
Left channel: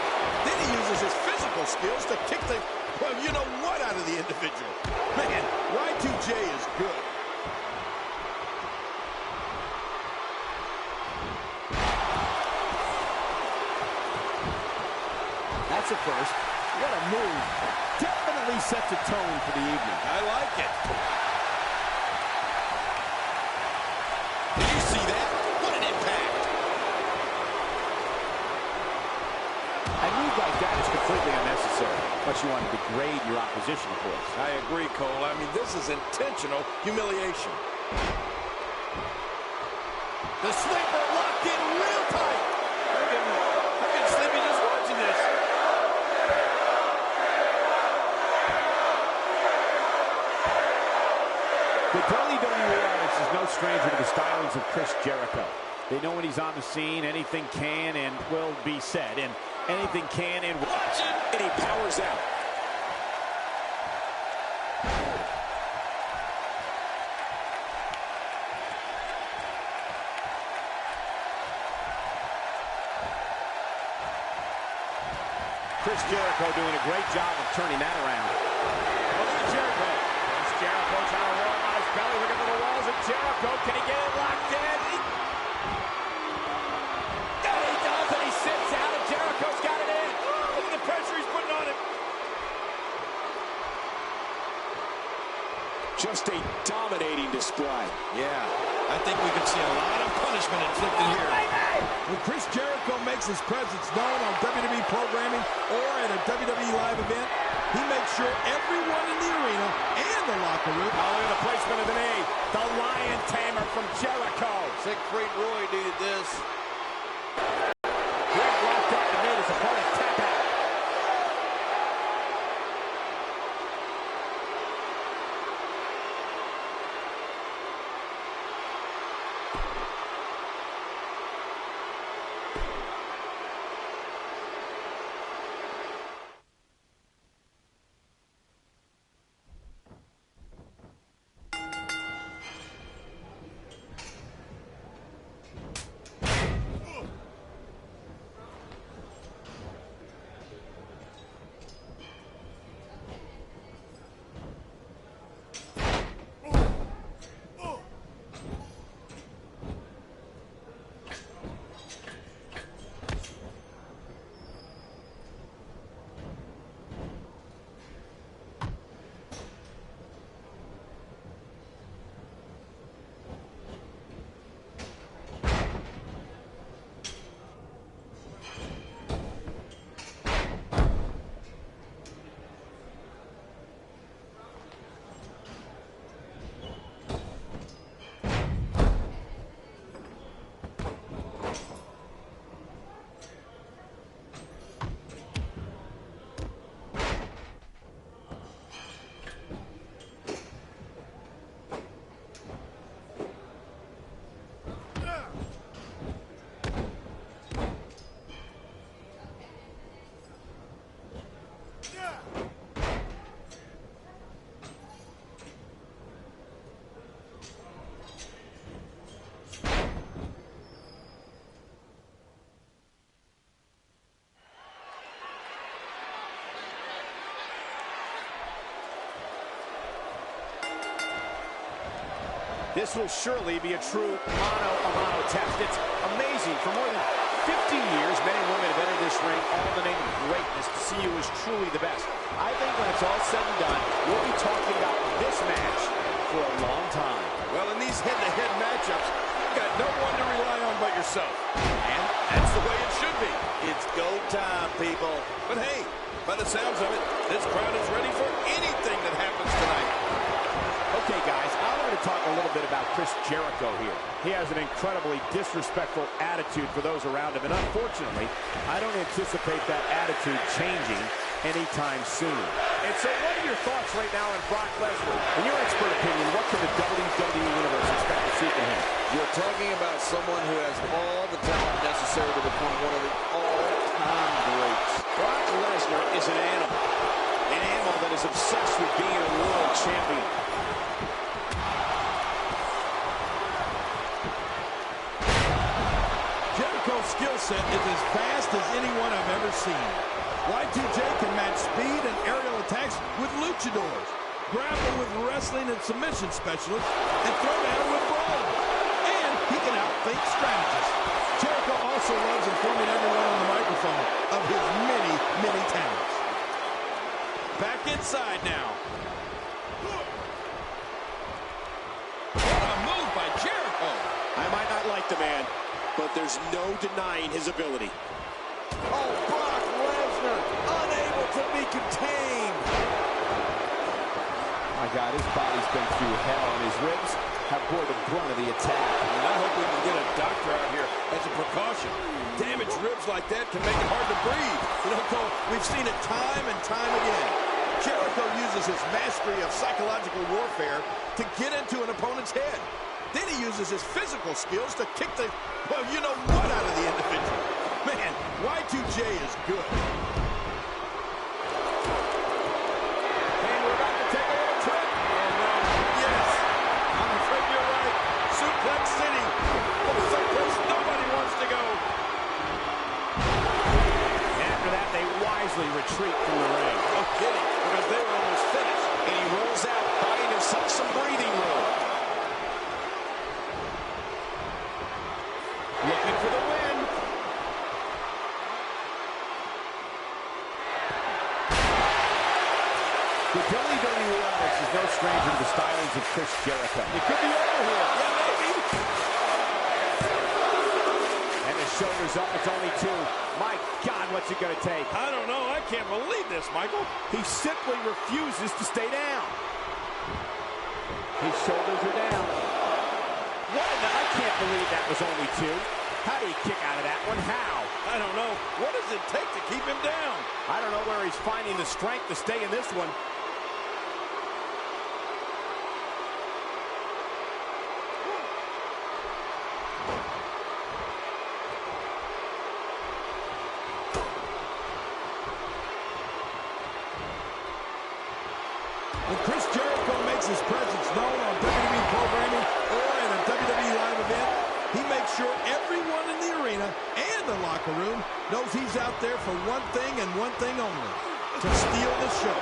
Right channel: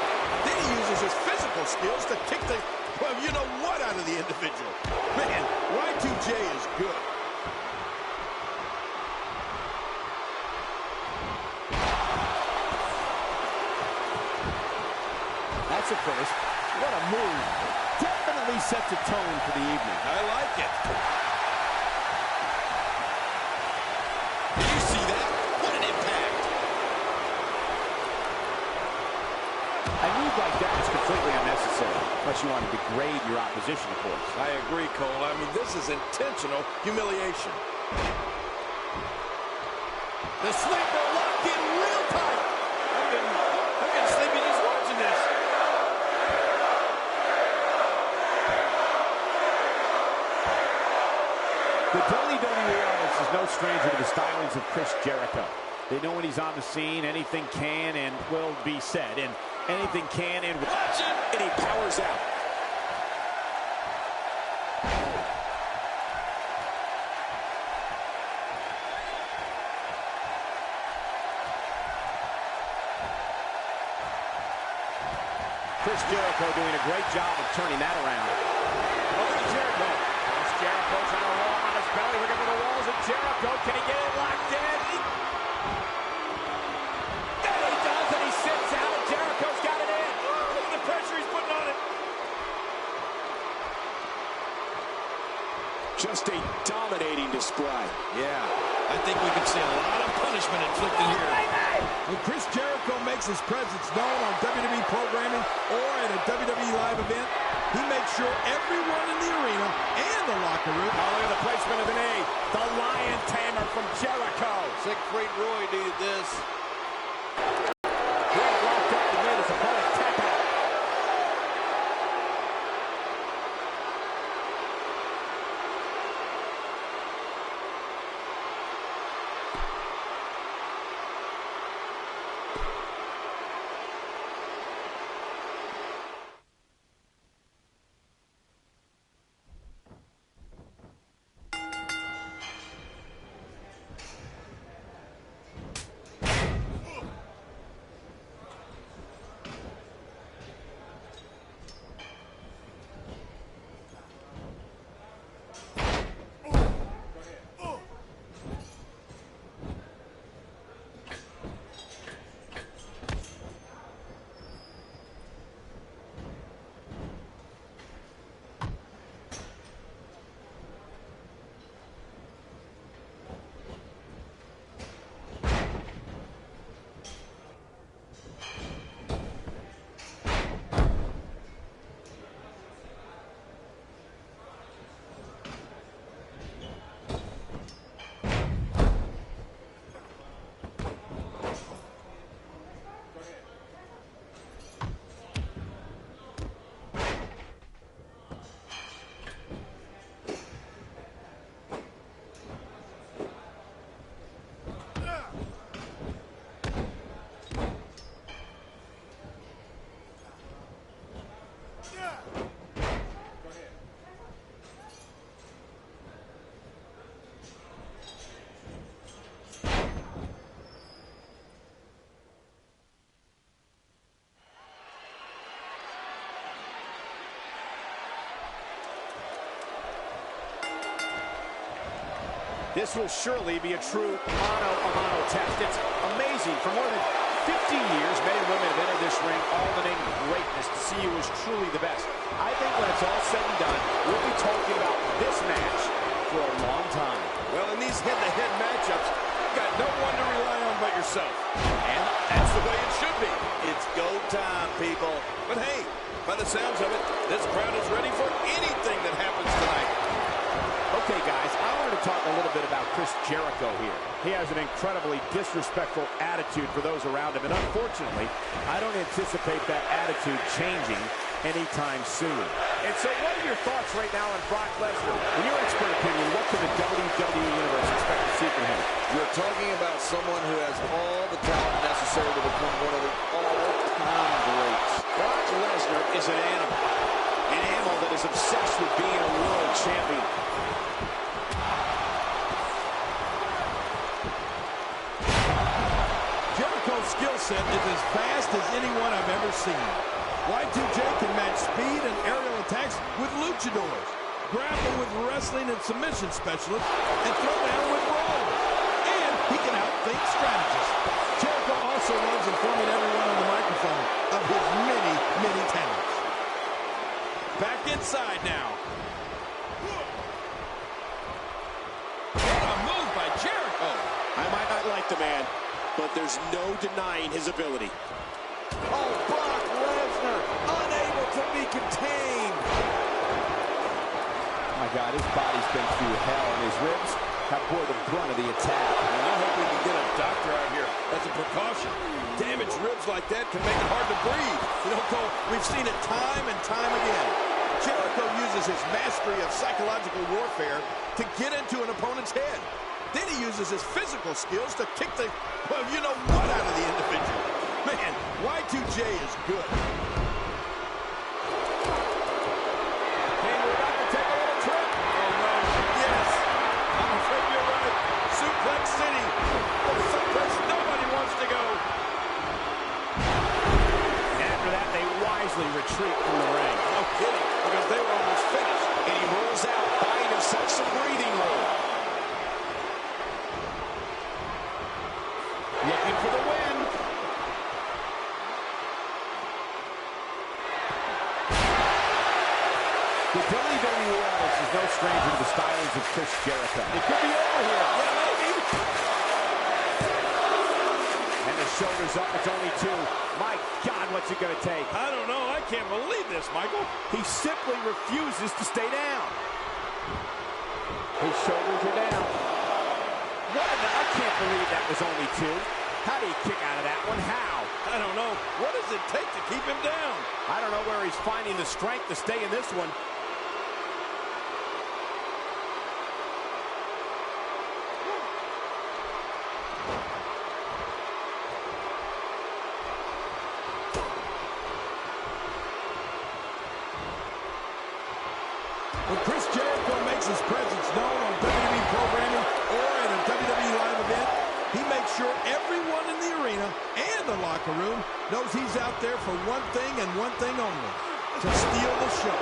Then he uses his physical skills to kick the, well, you know what out of the individual. Man, Y2J is good. aggressive first. What a move. Definitely sets a tone for the evening. I like it. Did you see that? What an impact. A move like that is completely unnecessary, unless you want to degrade your opposition, of course. I agree, Cole. I mean, this is intentional humiliation. The sleeper locked in real tight. I'm getting sleepy just watching this. The WWE audience is no stranger to the stylings of Chris Jericho. They know when he's on the scene, anything can and will be said, and anything can and will. Watch it, and he powers out. Chris Jericho doing a great job of turning that around. Oh, look at Jericho. Chris Jericho trying to roll on his belly. Looking for the walls of Jericho. Can he get it locked in? And he does, and he sits out, and Jericho's got it in. Oh, look at the pressure he's putting on him. Just a dominating display. Yeah, I think we could see a lot of punishment inflicted here. When Chris Jericho makes his presence known on WWE programming or at a WWE live event, he makes sure everyone in the arena and the locker room. Oh, look at the placement of the knee. The Lion Tamer from Jericho. Siegfried Roy needed this. Greg locked up and made his opponent tap out. This will surely be a true mano-a-mano test. It's amazing. For more than 50 years, men and women have entered this ring all in the name of greatness to see who is truly the best. I think when it's all said and done, we'll be talking about this match for a long time. Well, in these head-to-head matchups, you've got no one to rely on but yourself. And that's the way it should be. It's go time, people. But hey, by the sounds of it, this crowd is ready for anything that happens tonight. Okay, guys, I wanted to talk a little bit about Chris Jericho here. He has an incredibly disrespectful attitude for those around him, and unfortunately, I don't anticipate that attitude changing anytime soon. And so what are your thoughts right now on Brock Lesnar? In your expert opinion, what can the WWE Universe expect to see from him? You're talking about someone who has all the talent necessary to become one of the all-time greats. Brock Lesnar is an animal that is obsessed with being a world champion. Jericho's skill set is as fast as anyone I've ever seen. Y2J can match speed and aerial attacks with luchadors, grapple with wrestling and submission specialists, and throw down with brawlers. And he can outthink strategists. Jericho also also loves informing everyone on the microphone of his many, many talents. Back inside now. What a move by Jericho. I might not like the man, but there's no denying his ability. Oh, Brock Lesnar, unable to be contained. My God, his body's been through hell, and his ribs have bore the brunt of the attack. And I hope we can get a doctor out here as a precaution. Damaged ribs like that can make it hard to breathe. You know, Cole, we've seen it time and time again. Jericho uses his mastery of psychological warfare to get into an opponent's head. Then he uses his physical skills to kick the, well, you know what, out of the individual. Man, Y2J is good. And we're about to take a little trip. Oh, no. Yes. I'm afraid you're right. Suplex City. The someplace nobody wants to go. After that, they wisely retreat from the ring. No kidding, because they were almost finished. And he rolls out, buying himself some breathing room. Looking for the win. The WWE Audience is no stranger to the stylings of Chris Jericho. It could be over here. Yeah, maybe. And the shoulders up, it's only two. My God, what's it going to take? I don't know. I can't believe this, Michael. He simply refuses to stay down. His shoulders are down. I can't believe that was only two. How do you kick out of that one? How? I don't know. What does it take to keep him down? I don't know where he's finding the strength to stay in this one. When Chris Jericho makes his presence known on WWE programming or at a WWE live event, he makes sure everyone in the arena and the locker room knows he's out there for one thing and one thing only, to steal the show.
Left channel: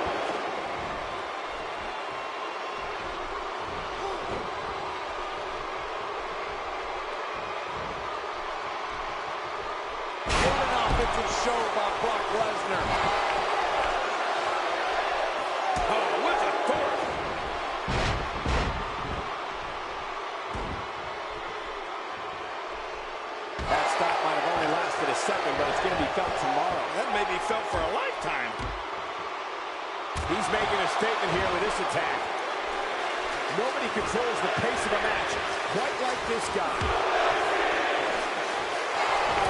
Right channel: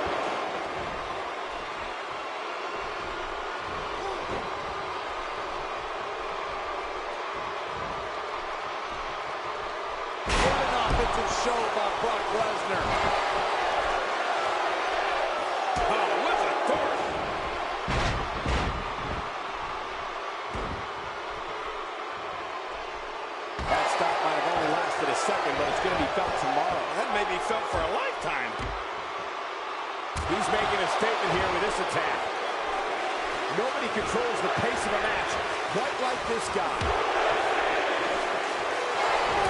What an offensive show by Brock Lesnar. Oh, with authority. That stop might have only lasted a second, but it's going to be felt tomorrow. That may be felt for a lifetime. He's making a statement here with this attack. Nobody controls the pace of a match quite like this guy.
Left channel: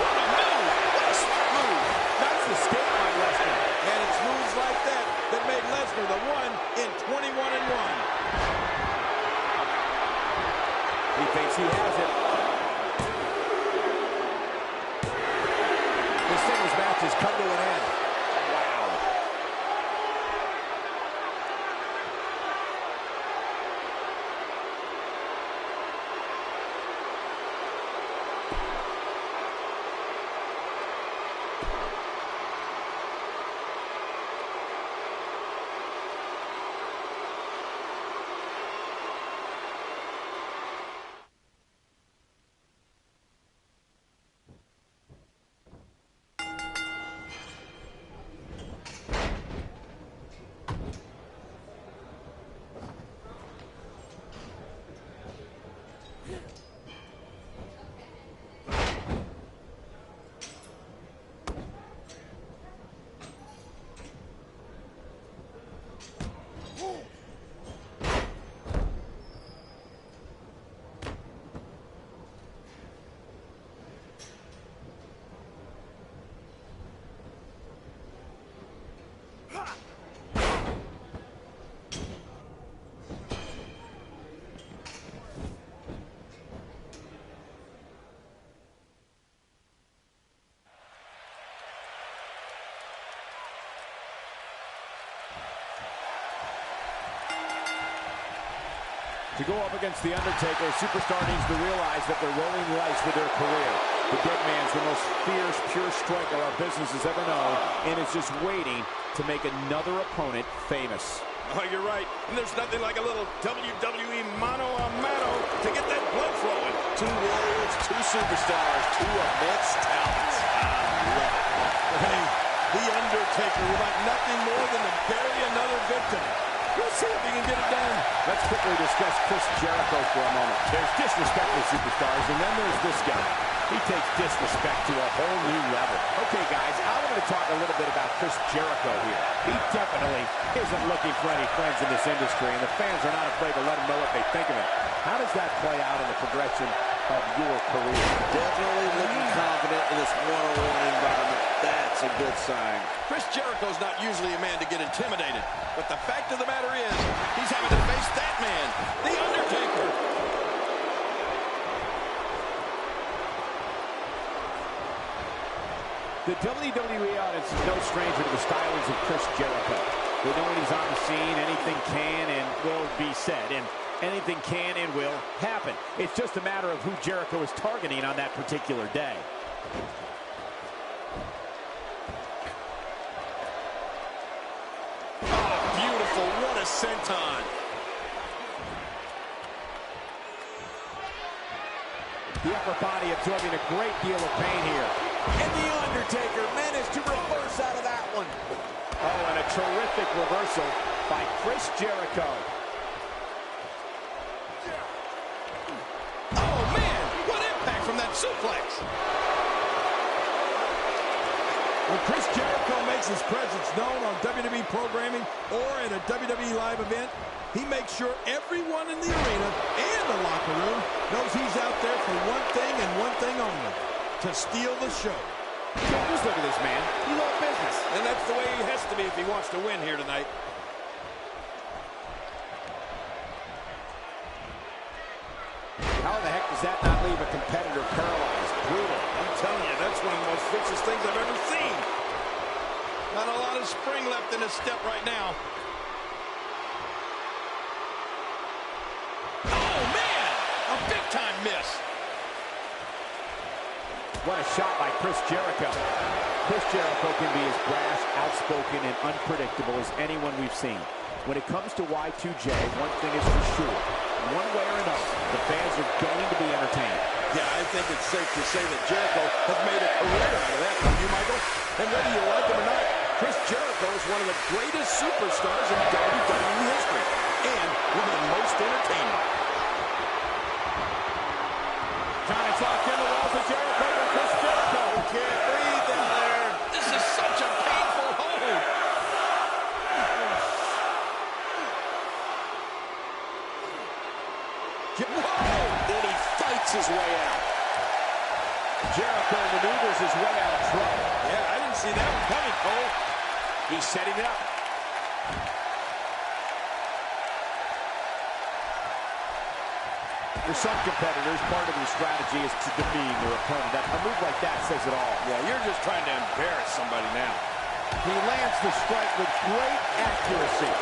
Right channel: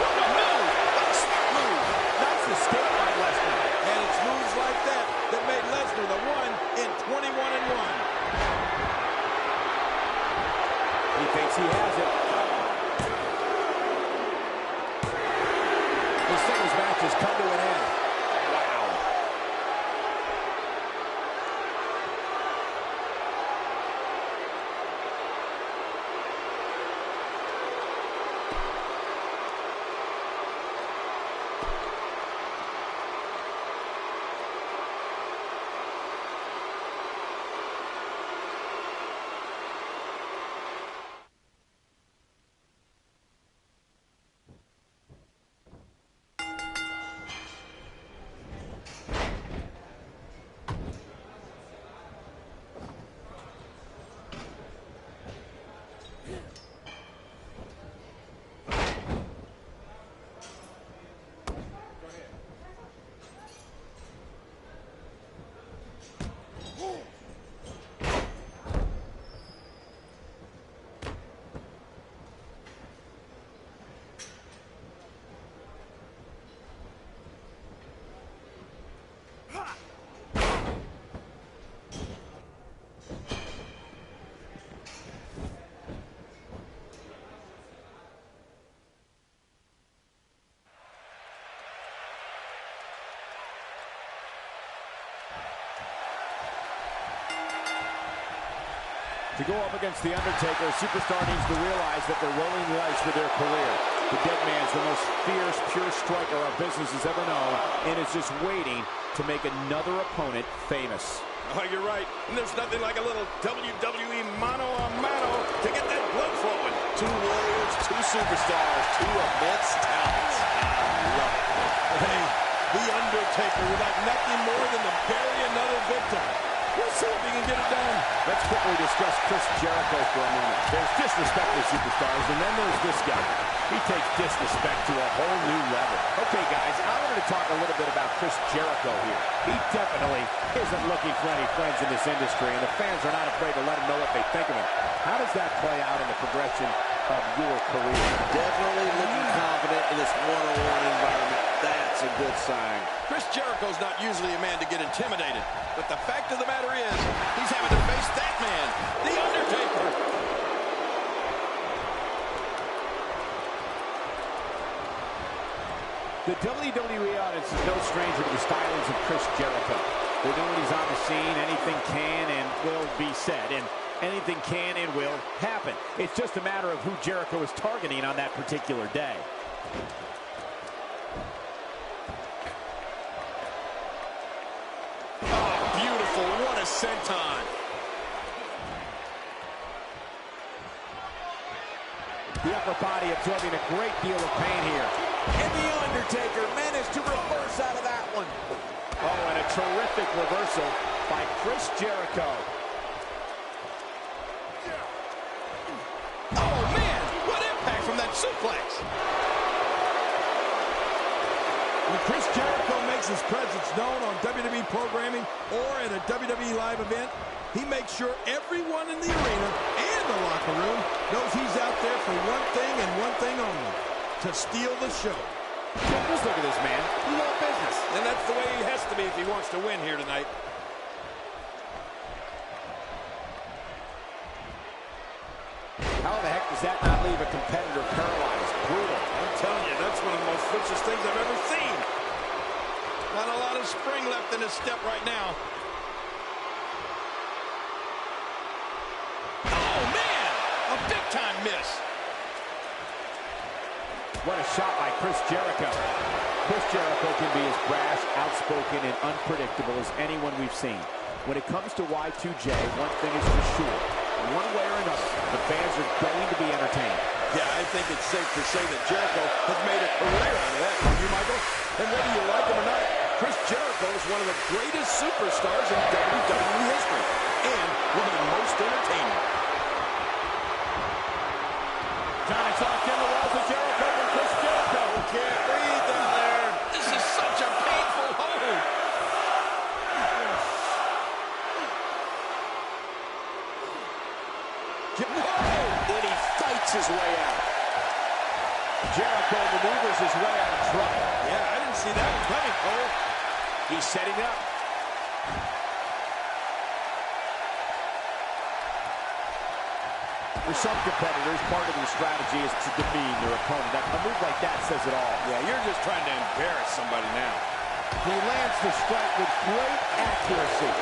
What a move! What a smart move! Nice escape by Lesnar. And it's moves like that that made Lesnar the one in 21-1. He thinks he has it. The singles match has come to an end. Wow. To go up against The Undertaker, a superstar needs to realize that they're rolling the dice with their career. The dead man's the most fierce, pure striker our business has ever known, and is just waiting to make another opponent famous. Oh, you're right. And there's nothing like a little WWE mano-a-mano to get that blood flowing. Two warriors, two superstars, two immense talents. I love it. Hey, The Undertaker would like nothing more than to bury another victim. We'll see if he can get it done. Let's quickly discuss Chris Jericho for a moment. There's disrespect to superstars, and then there's this guy. He takes disrespect to a whole new level. Okay, guys, I wanted to talk a little bit about Chris Jericho here. He definitely isn't looking for any friends in this industry, and the fans are not afraid to let him know what they think of him. How does that play out in the progression of your career? Definitely looking confident in this one-on-one environment. That's a good sign. Chris Jericho's not usually a man to get intimidated, but the fact of the matter is, he's having to face that man, The Undertaker. The WWE audience is no stranger to the stylings of Chris Jericho. They know when he's on the scene, anything can and will be said, and anything can and will happen. It's just a matter of who Jericho is targeting on that particular day. Oh, beautiful. What a senton. The upper body absorbing a great deal of pain here. And The Undertaker managed to reverse out of that one. Oh, and a terrific reversal by Chris Jericho. Oh, man, what impact from that suplex. When Chris Jericho makes his presence known on WWE programming or at a WWE live event, he makes sure everyone in the arena and the locker room knows he's out there for one thing and one thing only, to steal the show. Just look at this man. He's all business. And that's the way he has to be if he wants to win here tonight. How the heck does that not leave a competitor paralyzed? Brutal. I'm telling you, that's one of the most vicious things I've ever seen. Not a lot of spring left in his step right now. Oh, man! A big-time miss. What a shot by Chris Jericho. Chris Jericho can be as brash, outspoken, and unpredictable as anyone we've seen. When it comes to Y2J, one thing is for sure. One way or another, the fans are going to be entertained. Yeah, I think it's safe to say that Jericho has made a career out of that, don't you, Michael? And whether you like him or not, Chris Jericho is one of the greatest superstars in WWE history, and one of the most entertaining. John, it's locked in the walls of Jericho from Chris Jericho. Can't breathe down there. This is such a painful hold. Whoa! And he fights his way out. Jericho maneuvers his way out of trouble. Yeah, I didn't see that one coming, Cole. He's setting it up. For some competitors, part of the strategy is to demean their opponent. A move like that says it all. Yeah, you're just trying to embarrass somebody now. He lands the strike with great accuracy.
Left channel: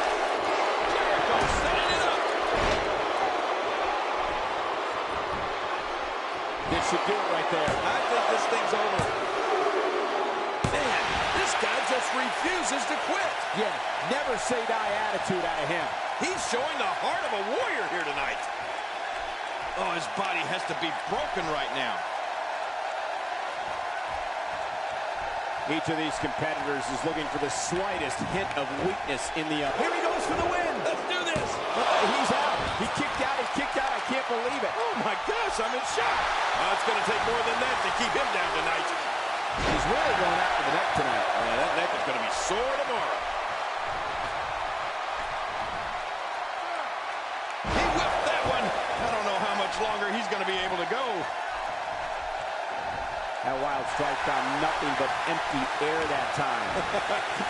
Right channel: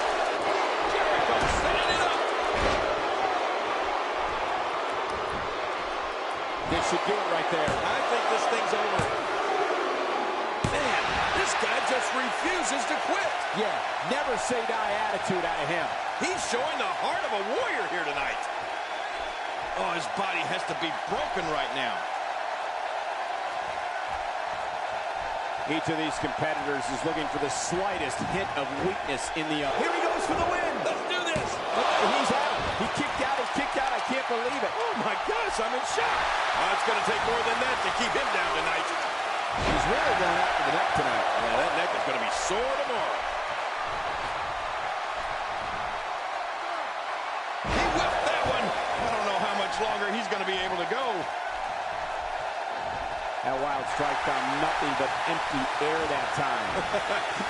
Jericho setting it up. This should do it right there. I think this thing's over. Man, this guy just refuses to quit. Yeah, never say die attitude out of him. He's showing the heart of a warrior here tonight. Oh, his body has to be broken right now. Each of these competitors is looking for the slightest hint of weakness in the other. Here he goes for the win. Let's do this. He's out. He kicked out. I can't believe it. Oh, my gosh, I'm in shock. It's going to take more than that to keep him down tonight. He's really going after the neck tonight. Yeah, that neck is going to be sore tomorrow. He whipped that one. I don't know how much longer he's going to be able to go. That wild strike found nothing but empty air that time.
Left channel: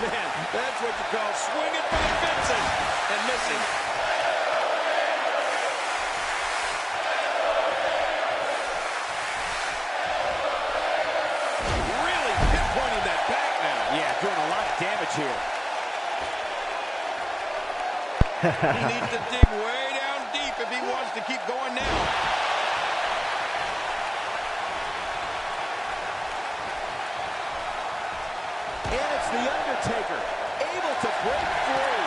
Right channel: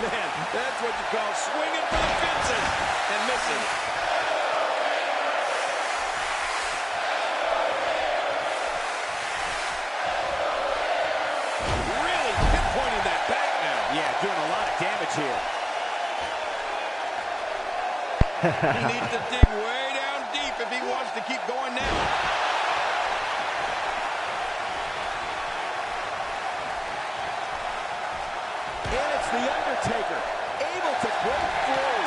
Man, that's what you call swinging for the fences and missing. Really pinpointing that back now. Yeah, doing a lot of damage here. He needs to dig way down deep if he wants to keep going now. And it's The Undertaker, able to break free.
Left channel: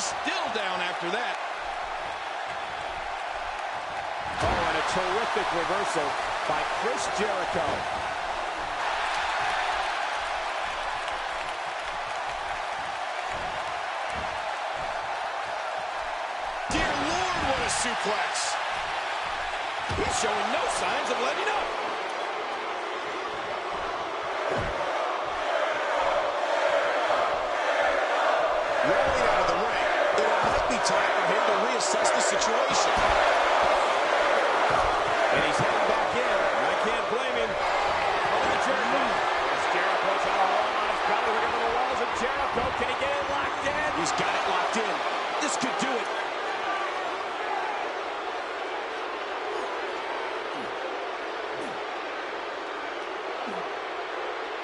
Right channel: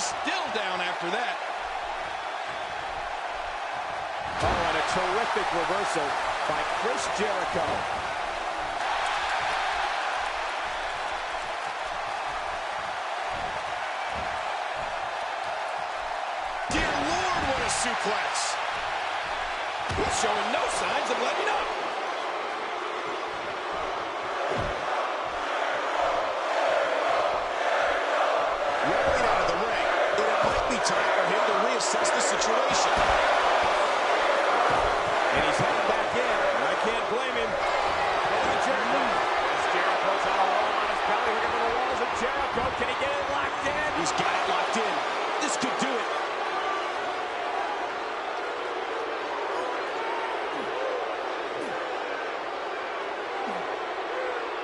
He's still down after that. Oh, and a terrific reversal by Chris Jericho. Dear Lord, what a suplex. He's showing no signs of letting up. Rolling out of the ring, and it might be time for him to reassess the situation. And he's heading back in. I can't blame him. Oh, the Jericho. As Jericho's on a roll on his belly. Look at the walls of Jericho. Can he get it locked in? He's got it locked in. This could do it.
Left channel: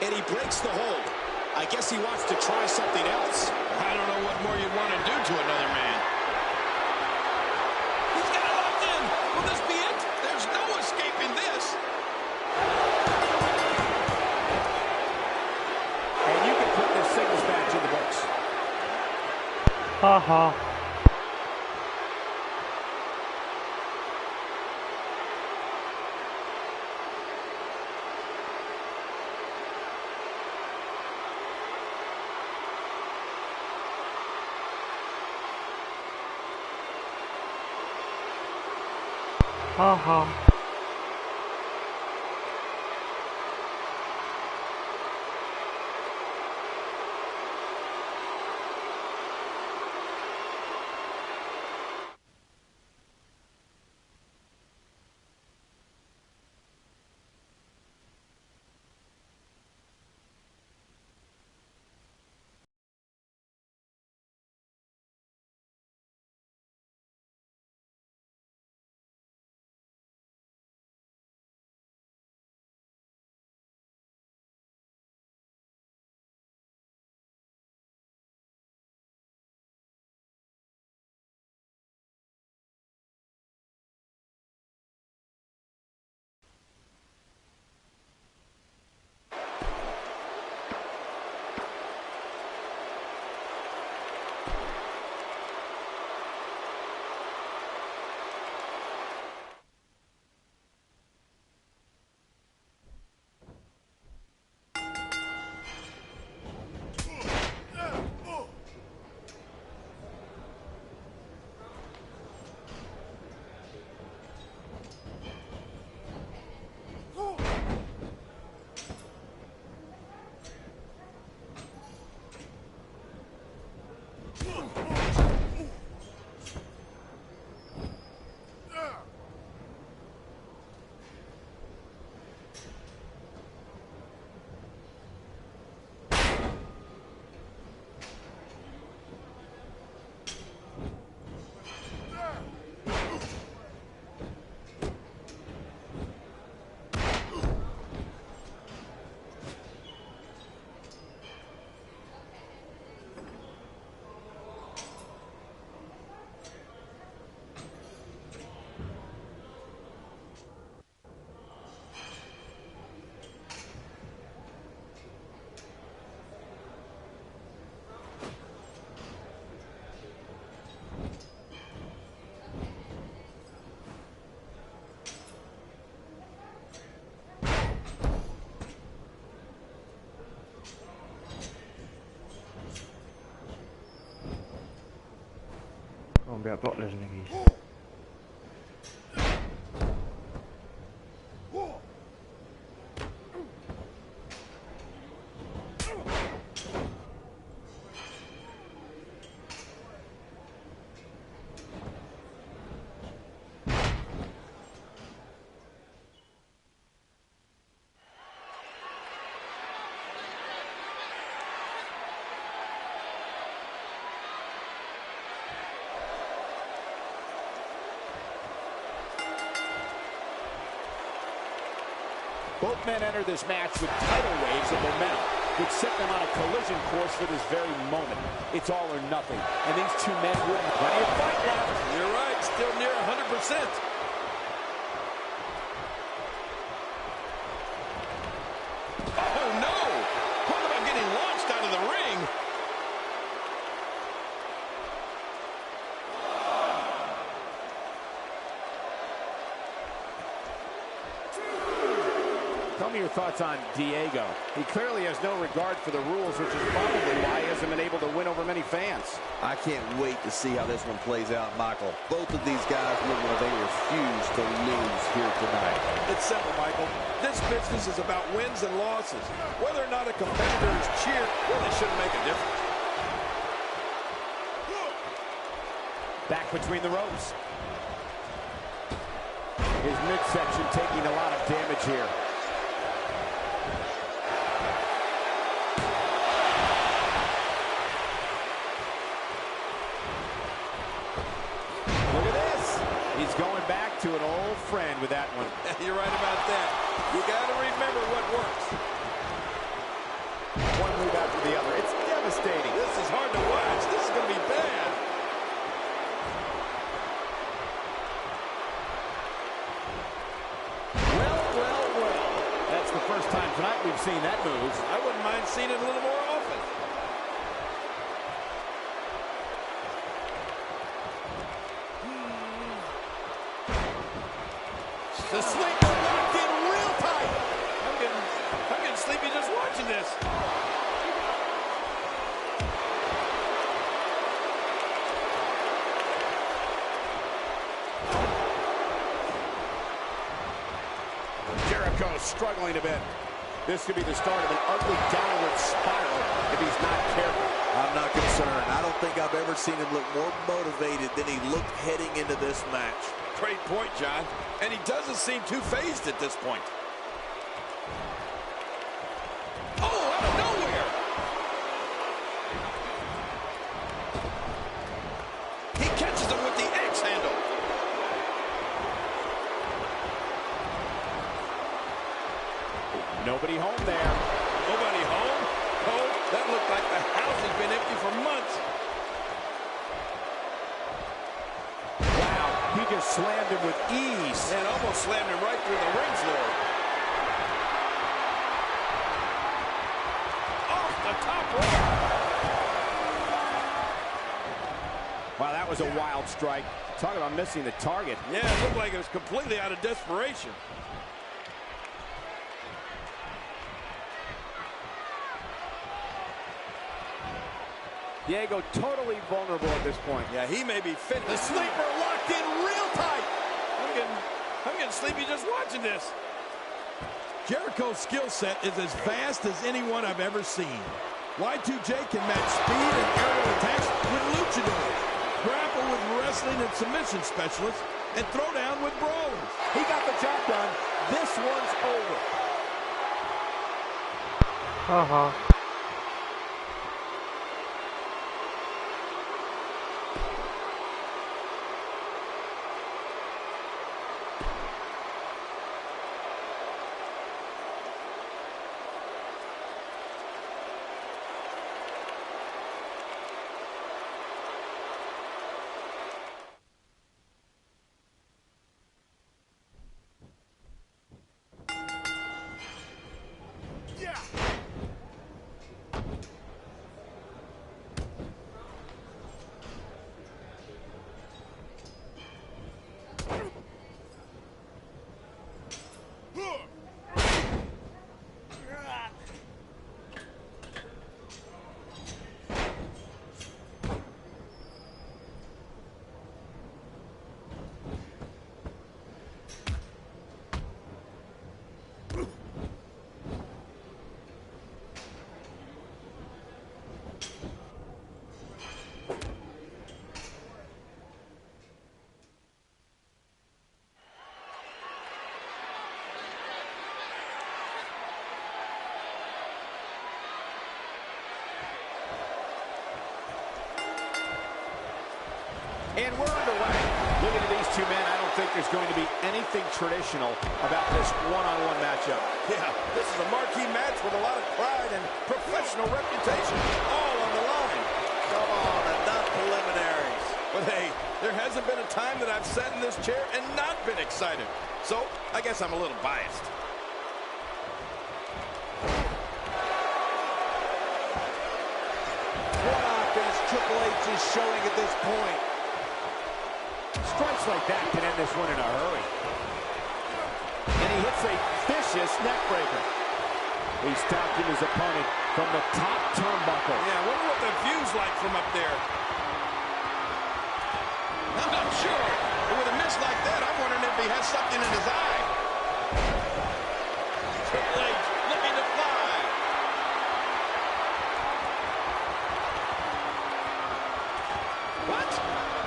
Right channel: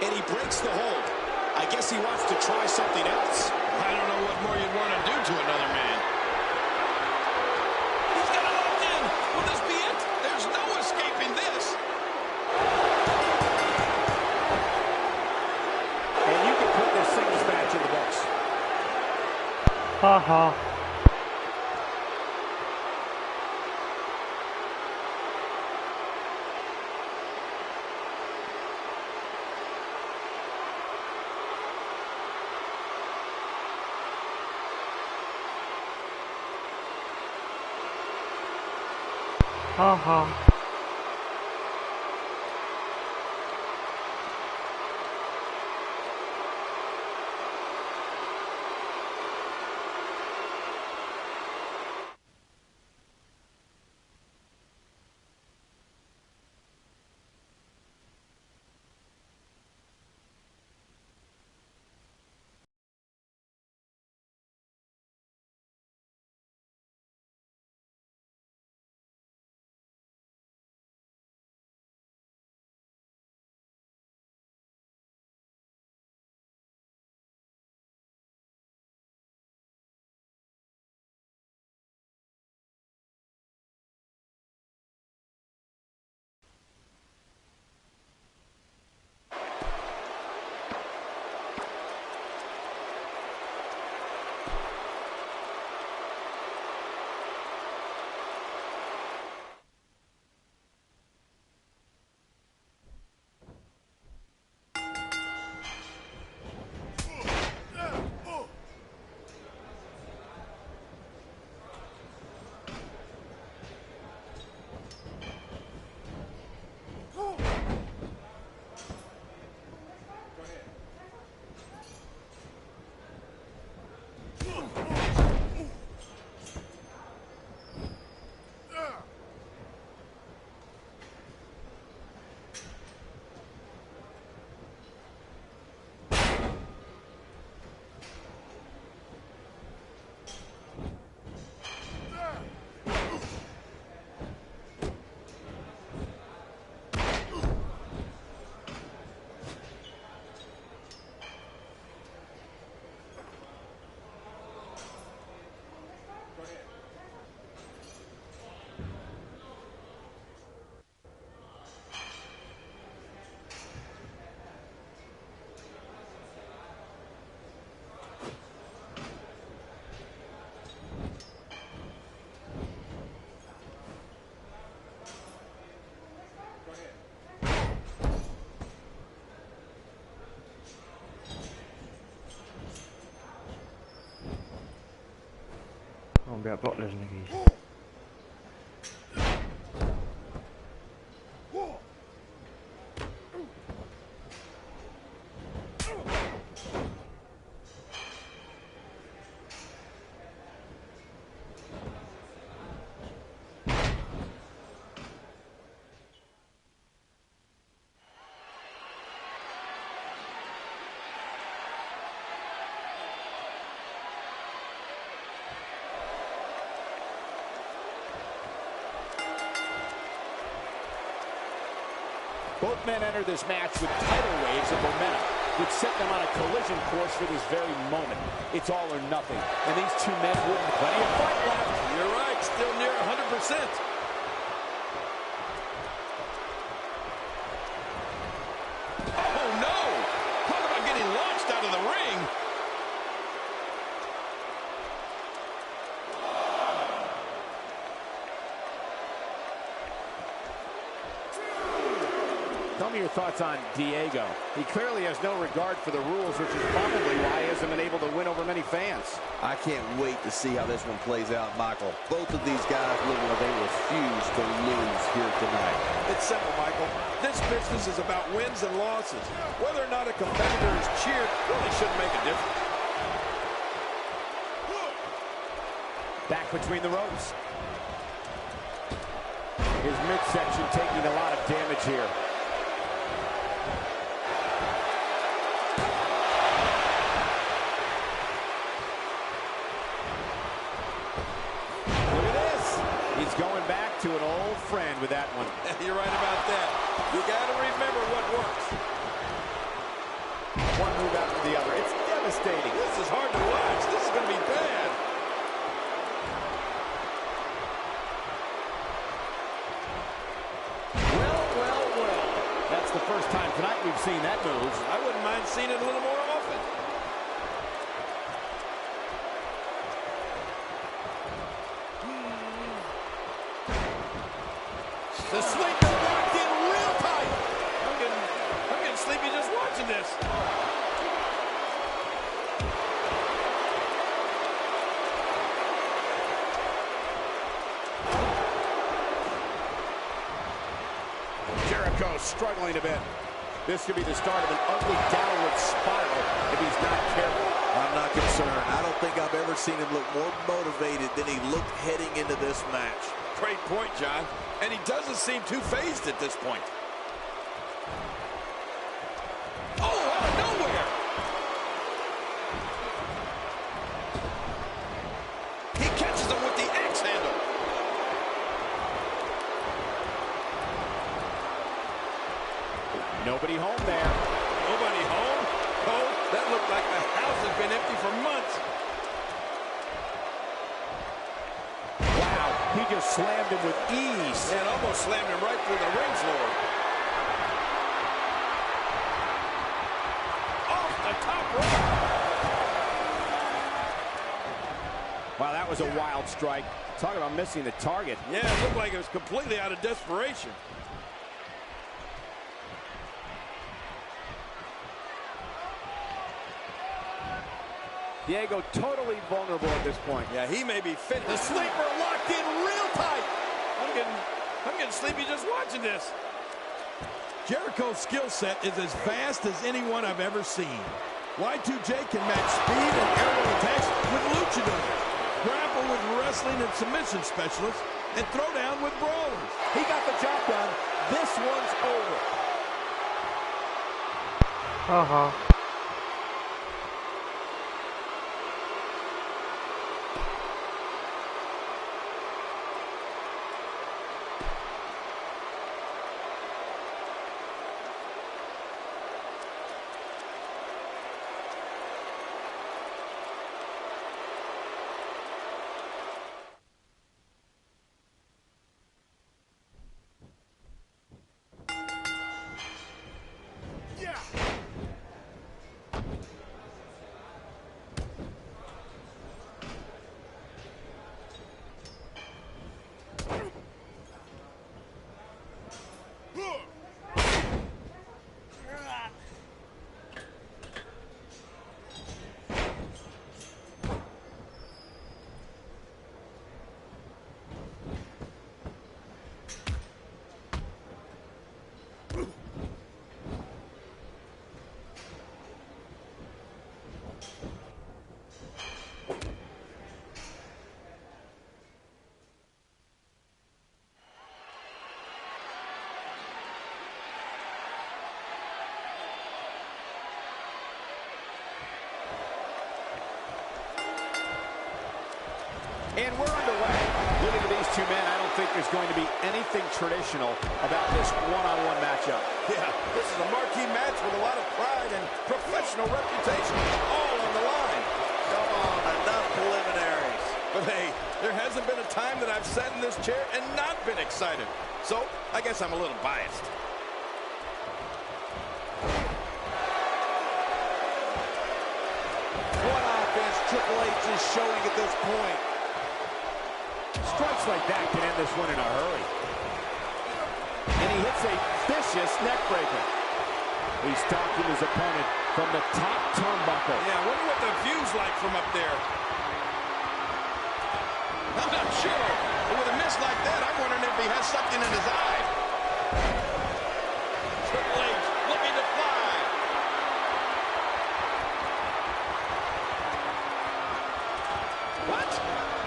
And he breaks the hold. I guess he wants to try something else. I don't know what more you'd want to do to another man. He's got it locked in. Will this be it? There's no escaping this. And you can put this singles match in the books. Ha ha. Ha ha. Gonna be a bottlers, niggas. Both men enter this match with tidal waves of momentum, which set them on a collision course for this very moment. It's all or nothing, and these two men wouldn't. Plenty of fight left. You're right, still near 100%. Oh, no! Talk about getting launched out of the ring. me your thoughts on Diego. He clearly has no regard for the rules, which is probably why he hasn't been able to win over many fans. I can't wait to see how this one plays out, Michael. Both of these guys look like they refuse to lose here tonight. It's simple, Michael. This business is about wins and losses. Whether or not a competitor is cheered really shouldn't make a difference. Back between the ropes. His midsection taking a lot of damage here. Look at this. He's going back to an old friend with that one. You're right about that. You got to remember what works. One move after the other. It's devastating. This is hard to watch. This is going to be bad. Well. That's the first time tonight we've seen that move. I wouldn't mind seeing it a little more often. The sleeper locked in real tight. I'm getting sleepy just watching this. Jericho struggling a bit. This could be the start of an ugly downward spiral if he's not careful. I'm not concerned. I don't think I've ever seen him look more motivated than he looked heading into this match. Great point, John. And he doesn't seem too phased at this point. Oh, out of nowhere! He catches him with the axe handle. Nobody home there. Nobody home? Cole, that looked like the house has been empty for months. Wow, he just slammed him with ease. And almost slammed him right through the ring floor. Off the top rope. Wow, that was a wild strike. Talk about missing the target. Yeah, it looked like it was completely out of desperation. Diego totally vulnerable at this point. Yeah, he may be fit. The sleeper locked in real tight. I'm getting sleepy just watching this. Jericho's skill set is as vast as anyone I've ever seen. Y2J can match speed and aerial attacks with luchadors, grapple with wrestling and submission specialists, and throw down with brawlers. He got the job done. This one's over. And we're underway. Looking at these two men, I don't think there's going to be anything traditional about this one-on-one matchup. Yeah, this is a marquee match with a lot of pride and professional reputation all on the line. Come on, enough preliminaries. But hey, there hasn't been a time that I've sat in this chair and not been excited. So, I guess I'm a little biased. What offense Triple H is showing at this point. Strikes like that can end this one in a hurry. And he he hits a vicious neck breaker. He's stalking his opponent from the top turnbuckle. Yeah, I wonder what the view's like from up there. I'm not sure. But with a miss like that, I'm wondering if he has something in his eye. Triple H looking to fly. What?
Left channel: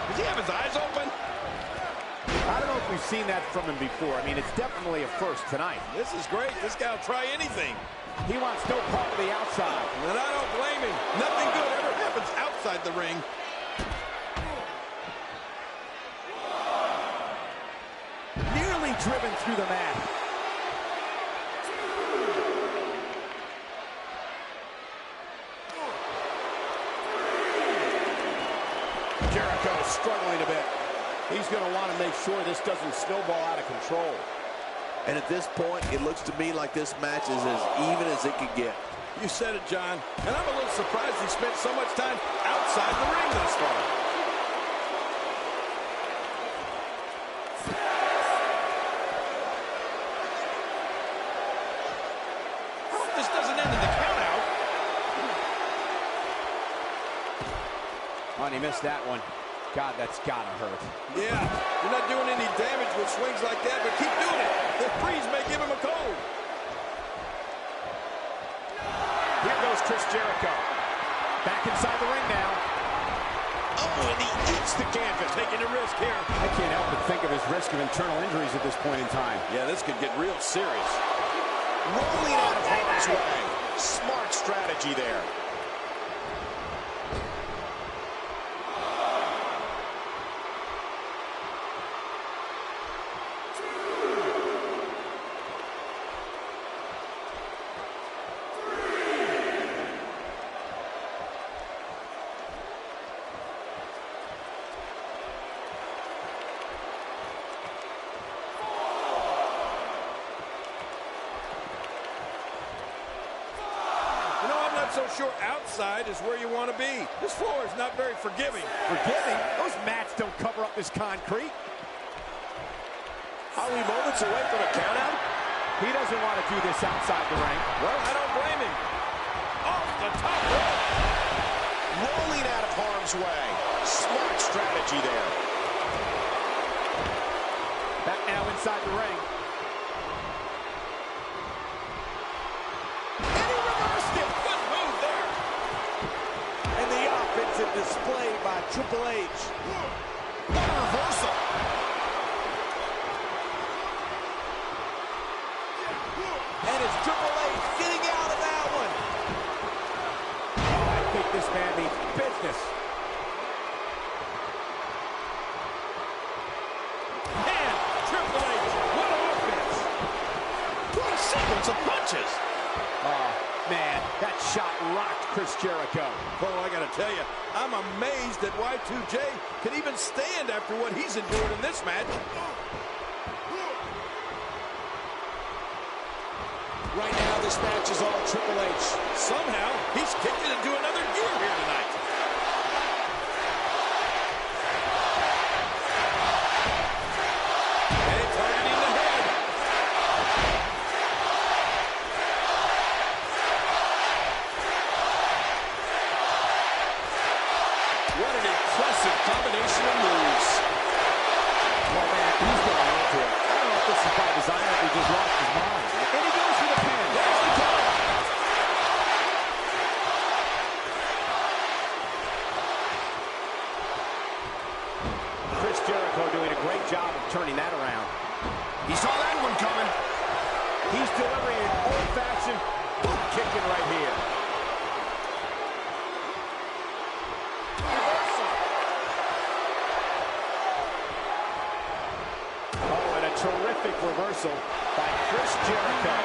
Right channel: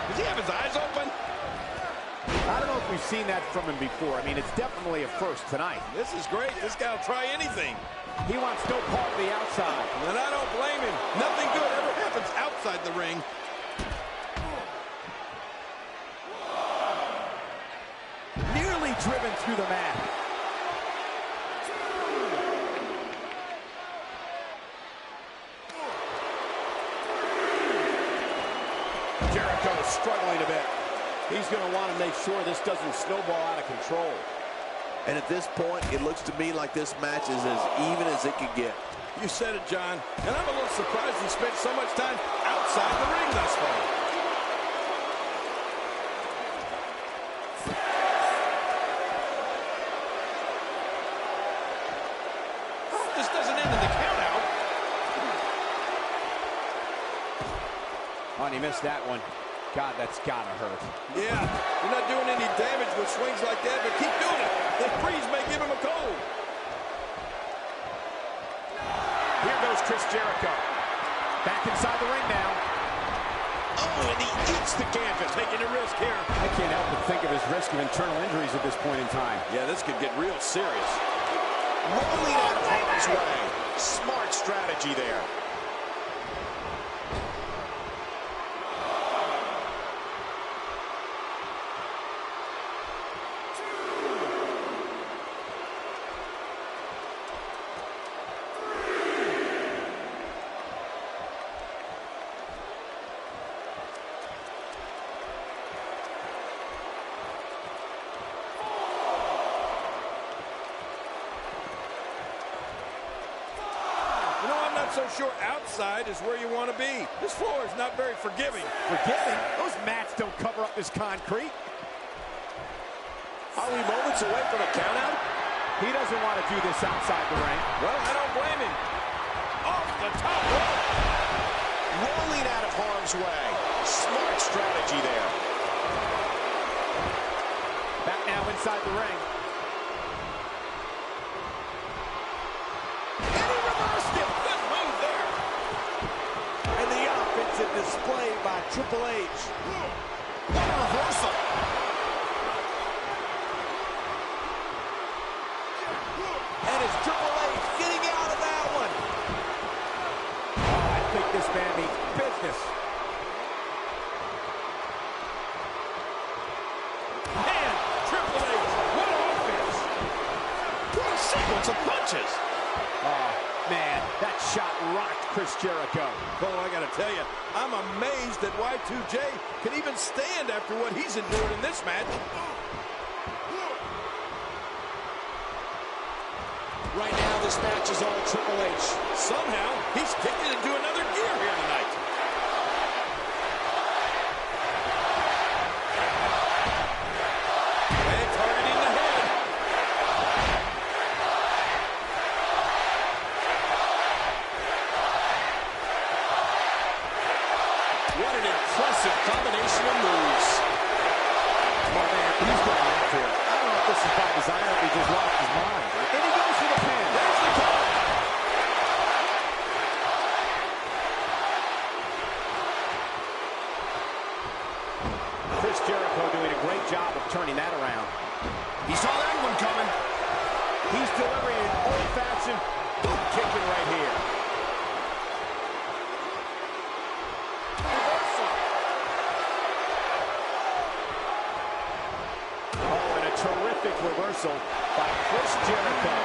Does he have his eyes open? I don't know if we've seen that from him before. I mean, it's definitely a first tonight. This is great. This guy will try anything. He wants no part of the outside. And I don't blame him. Nothing good ever happens outside the ring. Nearly driven through the mat. Jericho struggling a bit. He's going to want to make sure this doesn't snowball out of control. And at this point, it looks to me like this match is as even as it could get. You said it, John. And I'm a little surprised he spent so much time outside the ring thus far. I hope this doesn't end in the countout. Oh, and he missed that one. God, that's gotta hurt. Yeah, you're not doing any damage with swings like that, but keep doing it. The freeze may give him a cold. Here goes Chris Jericho. Back inside the ring now. Oh, and he eats the canvas, taking a risk here. I can't help but think of his risk of internal injuries at this point in time. Yeah, this could get real serious. Rolling out of harm's way. Smart strategy there. You know, I'm not so sure outside is where you want to be. This floor is not very forgiving. Forgiving? Those mats don't cover up this concrete. Are we moments away from a countout? He doesn't want to do this outside the ring. Well, I don't blame him. Off the top rope. Rolling out of harm's way. Smart strategy there. Back now inside the ring. And he reversed it. Good move there. And the offensive display by Triple H. What a reversal. And it's Triple H getting out of that one. Oh, I think this man means business. And Triple H, what offense. What a sequence of punches. Oh, man, that shot rocked Chris Jericho. Cole, I got to tell you, I'm amazed that Y2J can even stand after what he's endured in this match. Right now, this match is all Triple H. Somehow, he's kicked it into another gear here tonight. Hey, targeting the head. What an impressive combination of moves. Oh, man, he's going off here. I don't know if this is by design or if he just lost his mind. And he goes for the pin. There's the count. Chris Jericho doing a great job of turning that around. He saw that one coming. He's delivering an old-fashioned boot kicking right here. Reversal. Oh, and a terrific reversal by Chris Jericho.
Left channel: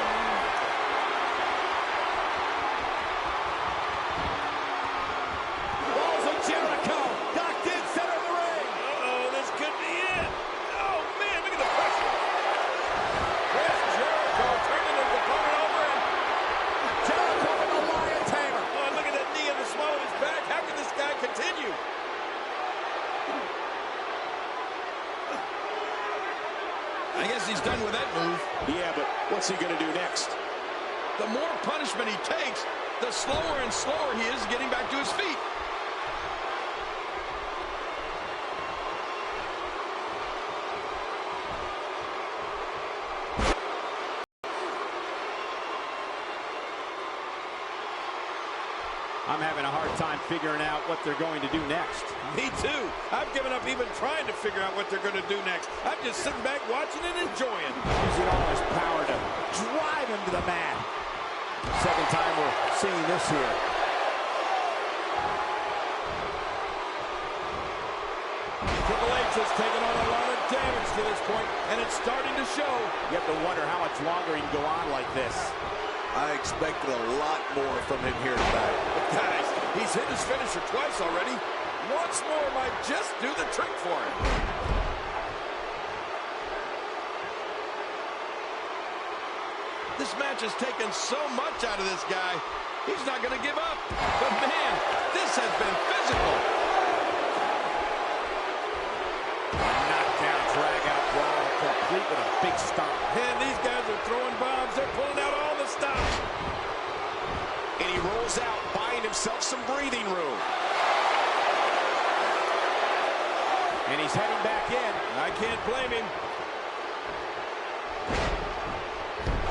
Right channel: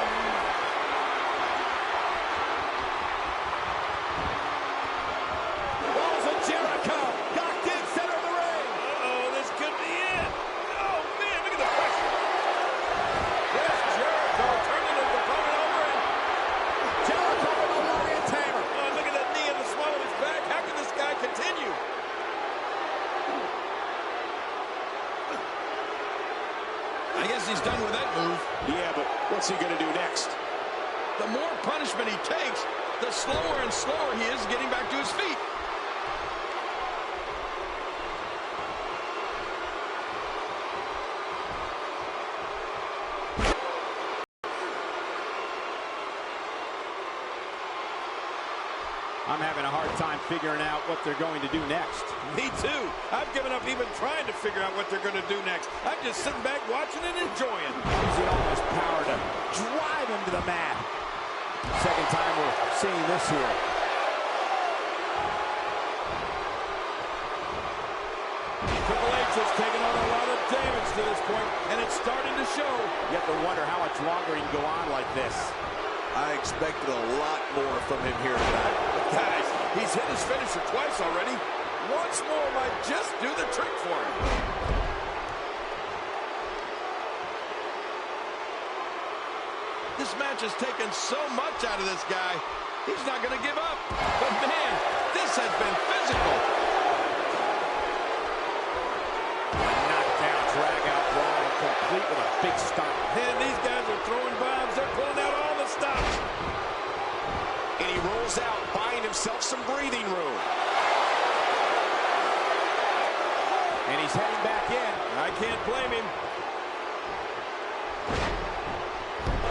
Balls of Jericho, docked in center of the ring. Uh-oh, this could be it. Oh, man, look at the pressure. Chris Jericho turning his opponent over, and Jericho with a lion tamer. oh, look at that knee in the small of his back. How can this guy continue? I guess he's done with that move. Yeah, but punishment he takes, the slower and slower he is getting back to his feet. I'm having a hard time figuring out what they're going to do next. Me too. I've given up even trying to figure out what they're going to do next. I'm just sitting back watching and enjoying. Using all his power to drive him to the mat. Second time we're seeing this here. Triple H has taken on a lot of damage to this point, and it's starting to show. You have to wonder how much longer he can go on like this. I expected a lot more from him here tonight. But guys, he's hit his finisher twice already. Once more might just do the trick for him. This match has taken so much out of this guy. He's not going to give up. But man, this has been physical. Knockdown, drag out brawl, complete with a big stomp. And these guys are throwing bombs. They're pulling out all the stops. And he rolls out, buying himself some breathing room. And he's heading back in. I can't blame him.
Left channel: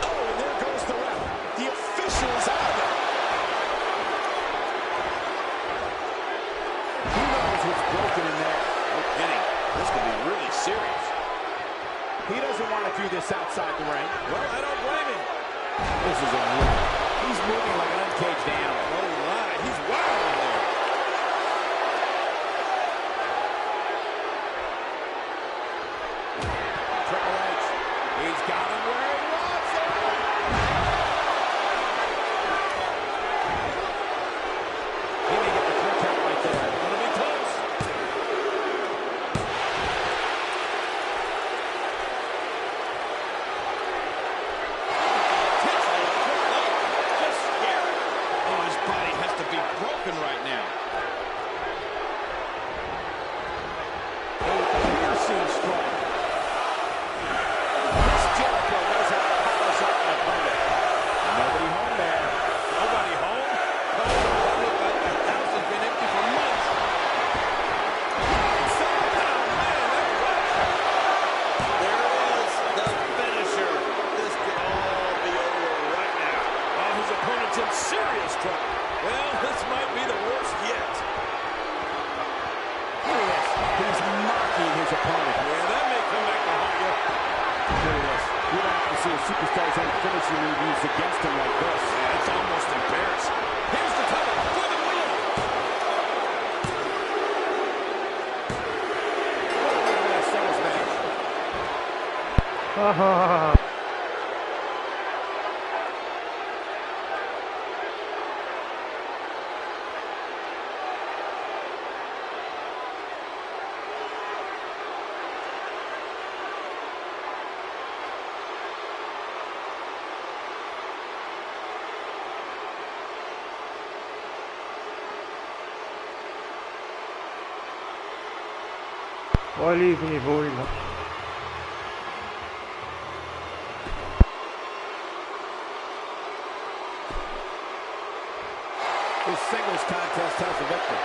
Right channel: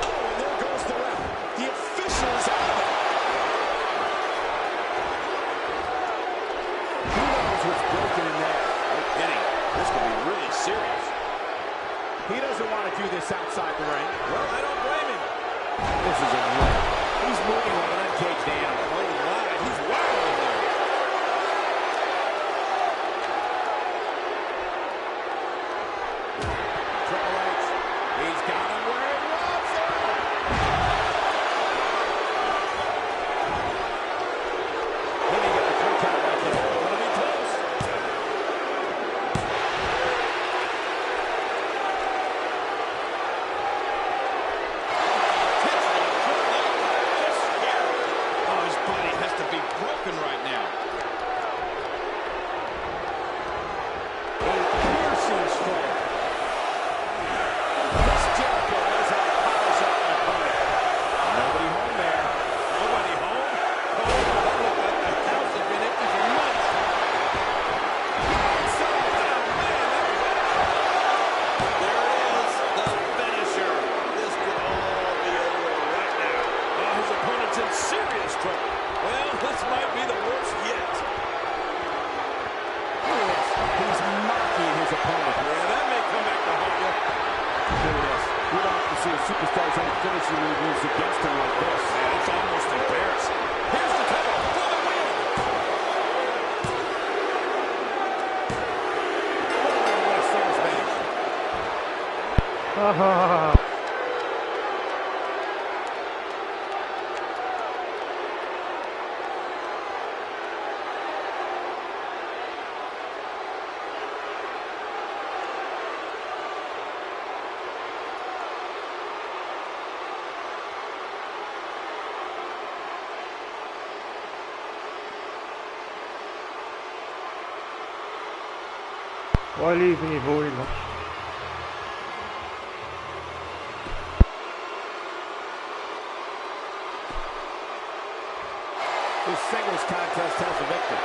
Oh, and there goes the ref. The official is out of it. Who knows what's broken in there? No kidding. This could be really serious. He doesn't want to do this outside the ring. Well, I don't blame him. This is a wreck. He's moving like an uncaged animal. Oh, my. He's wild in there. Triple H. He's got him where he wants him. He may get the 3 count right there. Gonna be close. Broken right now. A piercing strike. Chris Jericho knows how to polish up an opponent. Nobody home there. Nobody home? Oh, that looked like the house has been empty for months. Inside. Oh, man, that was awesome. There it is, the finisher. This could all be over right now. Oh, his opponent's in serious trouble. Well, this might be the worst yet. Look at this. He's mocking his opponent. Yeah, that may come back to haunt you. Look at this. We don't have to see a superstar's own finishing move used against him like this. Man, it's almost embarrassing. Here's the cover for the win. What a way to win a singles match. Ha ha ha. Why leave when you've already lost? This singles contest has a victor.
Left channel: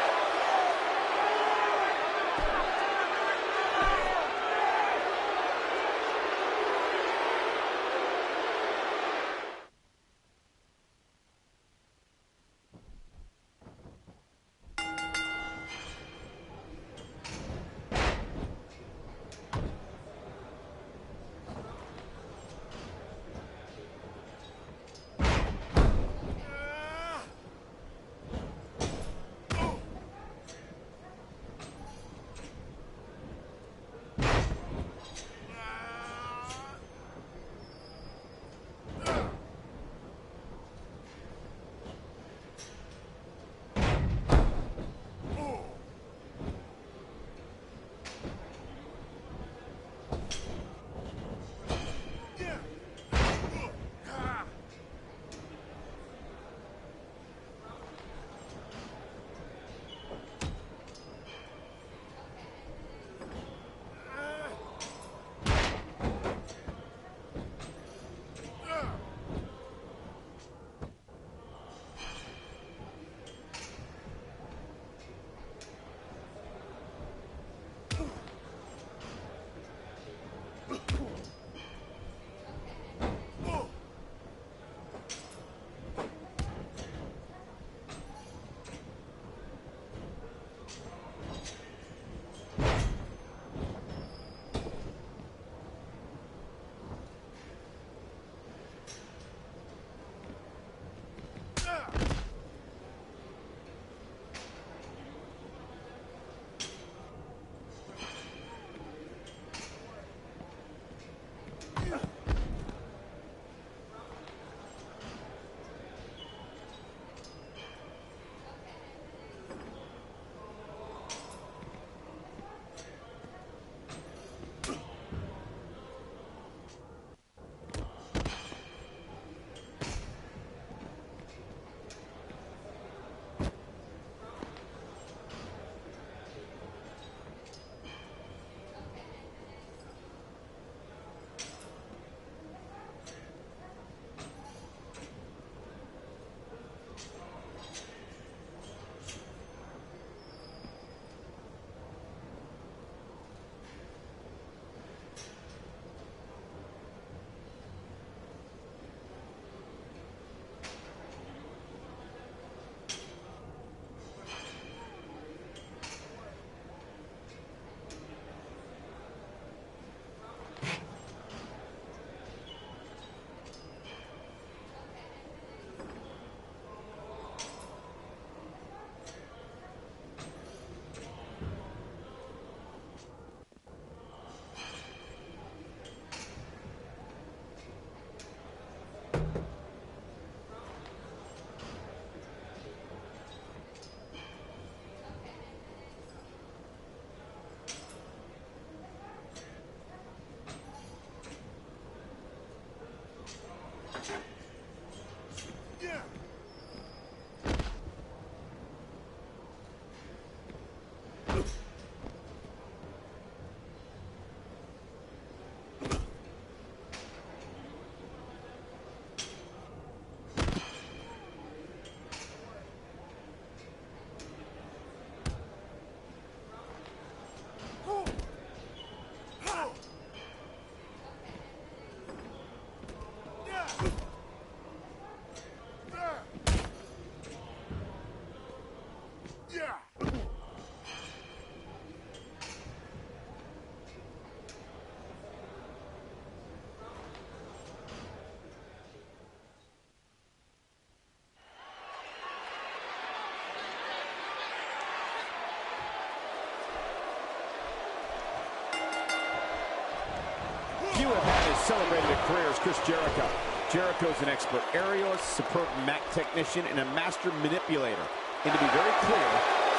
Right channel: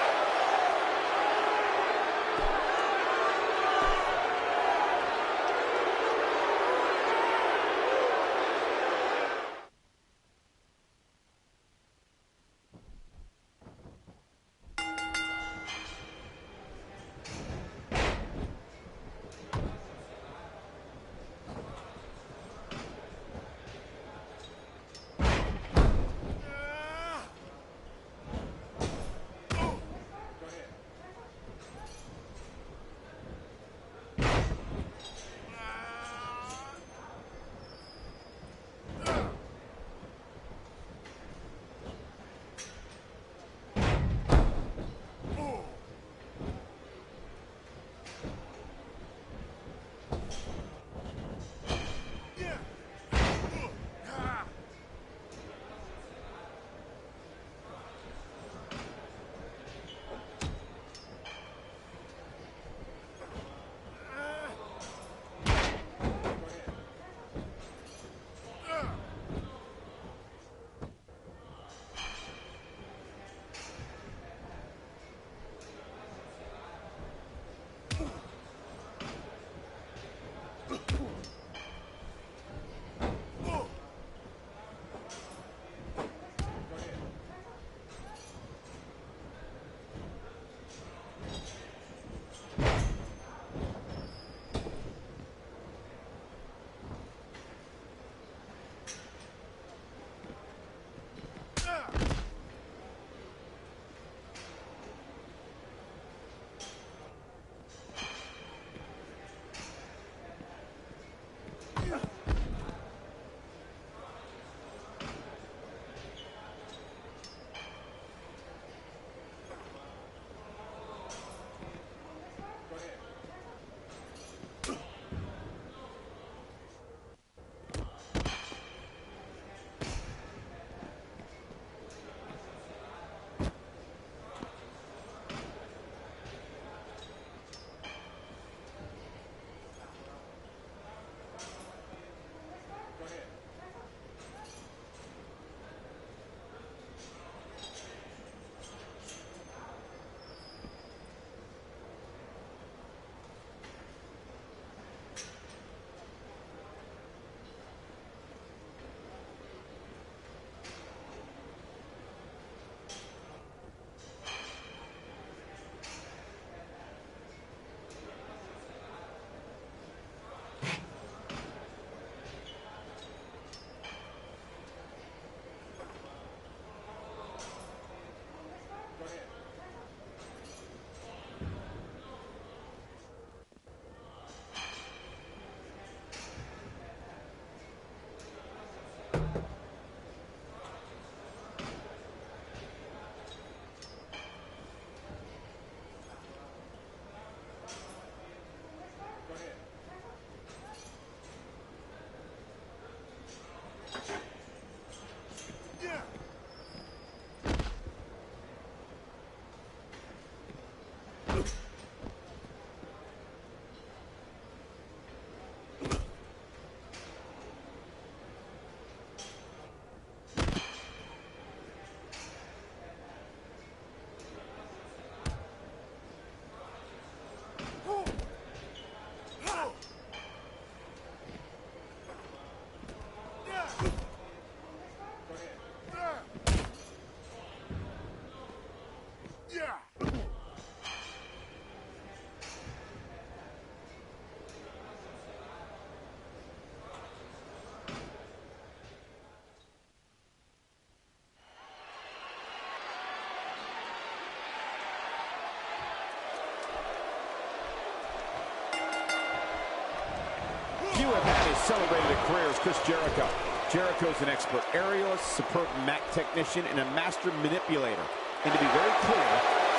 celebrated a career as Chris Jericho. Jericho's an expert aerialist, superb mat technician, and a master manipulator. And to be very clear,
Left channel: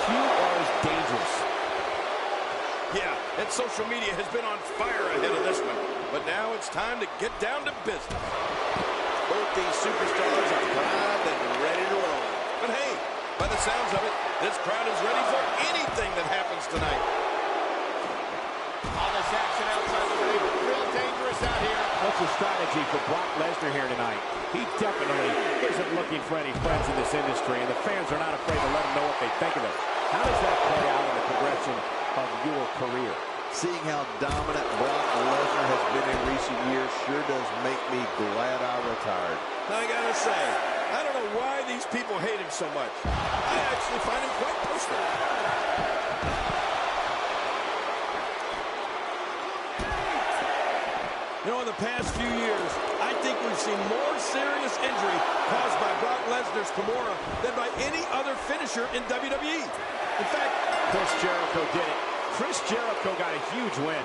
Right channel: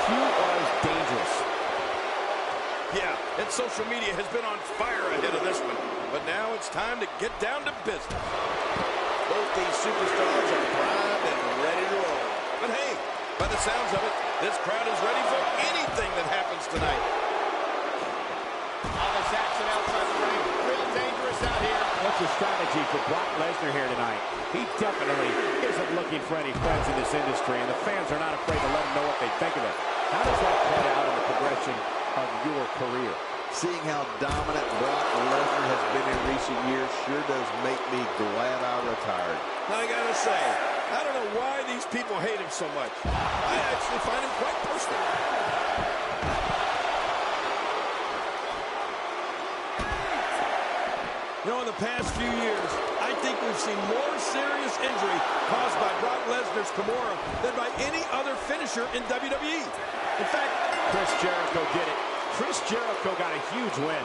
QR is dangerous. Yeah, and social media has been on fire ahead of this one. But now it's time to get down to business. Both these superstars are primed and ready to roll. But hey, by the sounds of it, this crowd is ready for anything that happens tonight. All this action outside the ring, real dangerous out here. What's the strategy for Brock Lesnar here tonight? He definitely isn't looking for any friends in this industry, and the fans are not afraid to let him know what they think of him. How does that play out in the progression of your career? Seeing how dominant Brock Lesnar has been in recent years sure does make me glad I retired. I gotta say, I don't know why these people hate him so much. I actually find him quite personal. You know, in the past few years, I think we've seen more serious injury caused by Brock Lesnar's Kimura than by any other finisher in WWE. In fact, Chris Jericho did it. Chris Jericho got a huge win.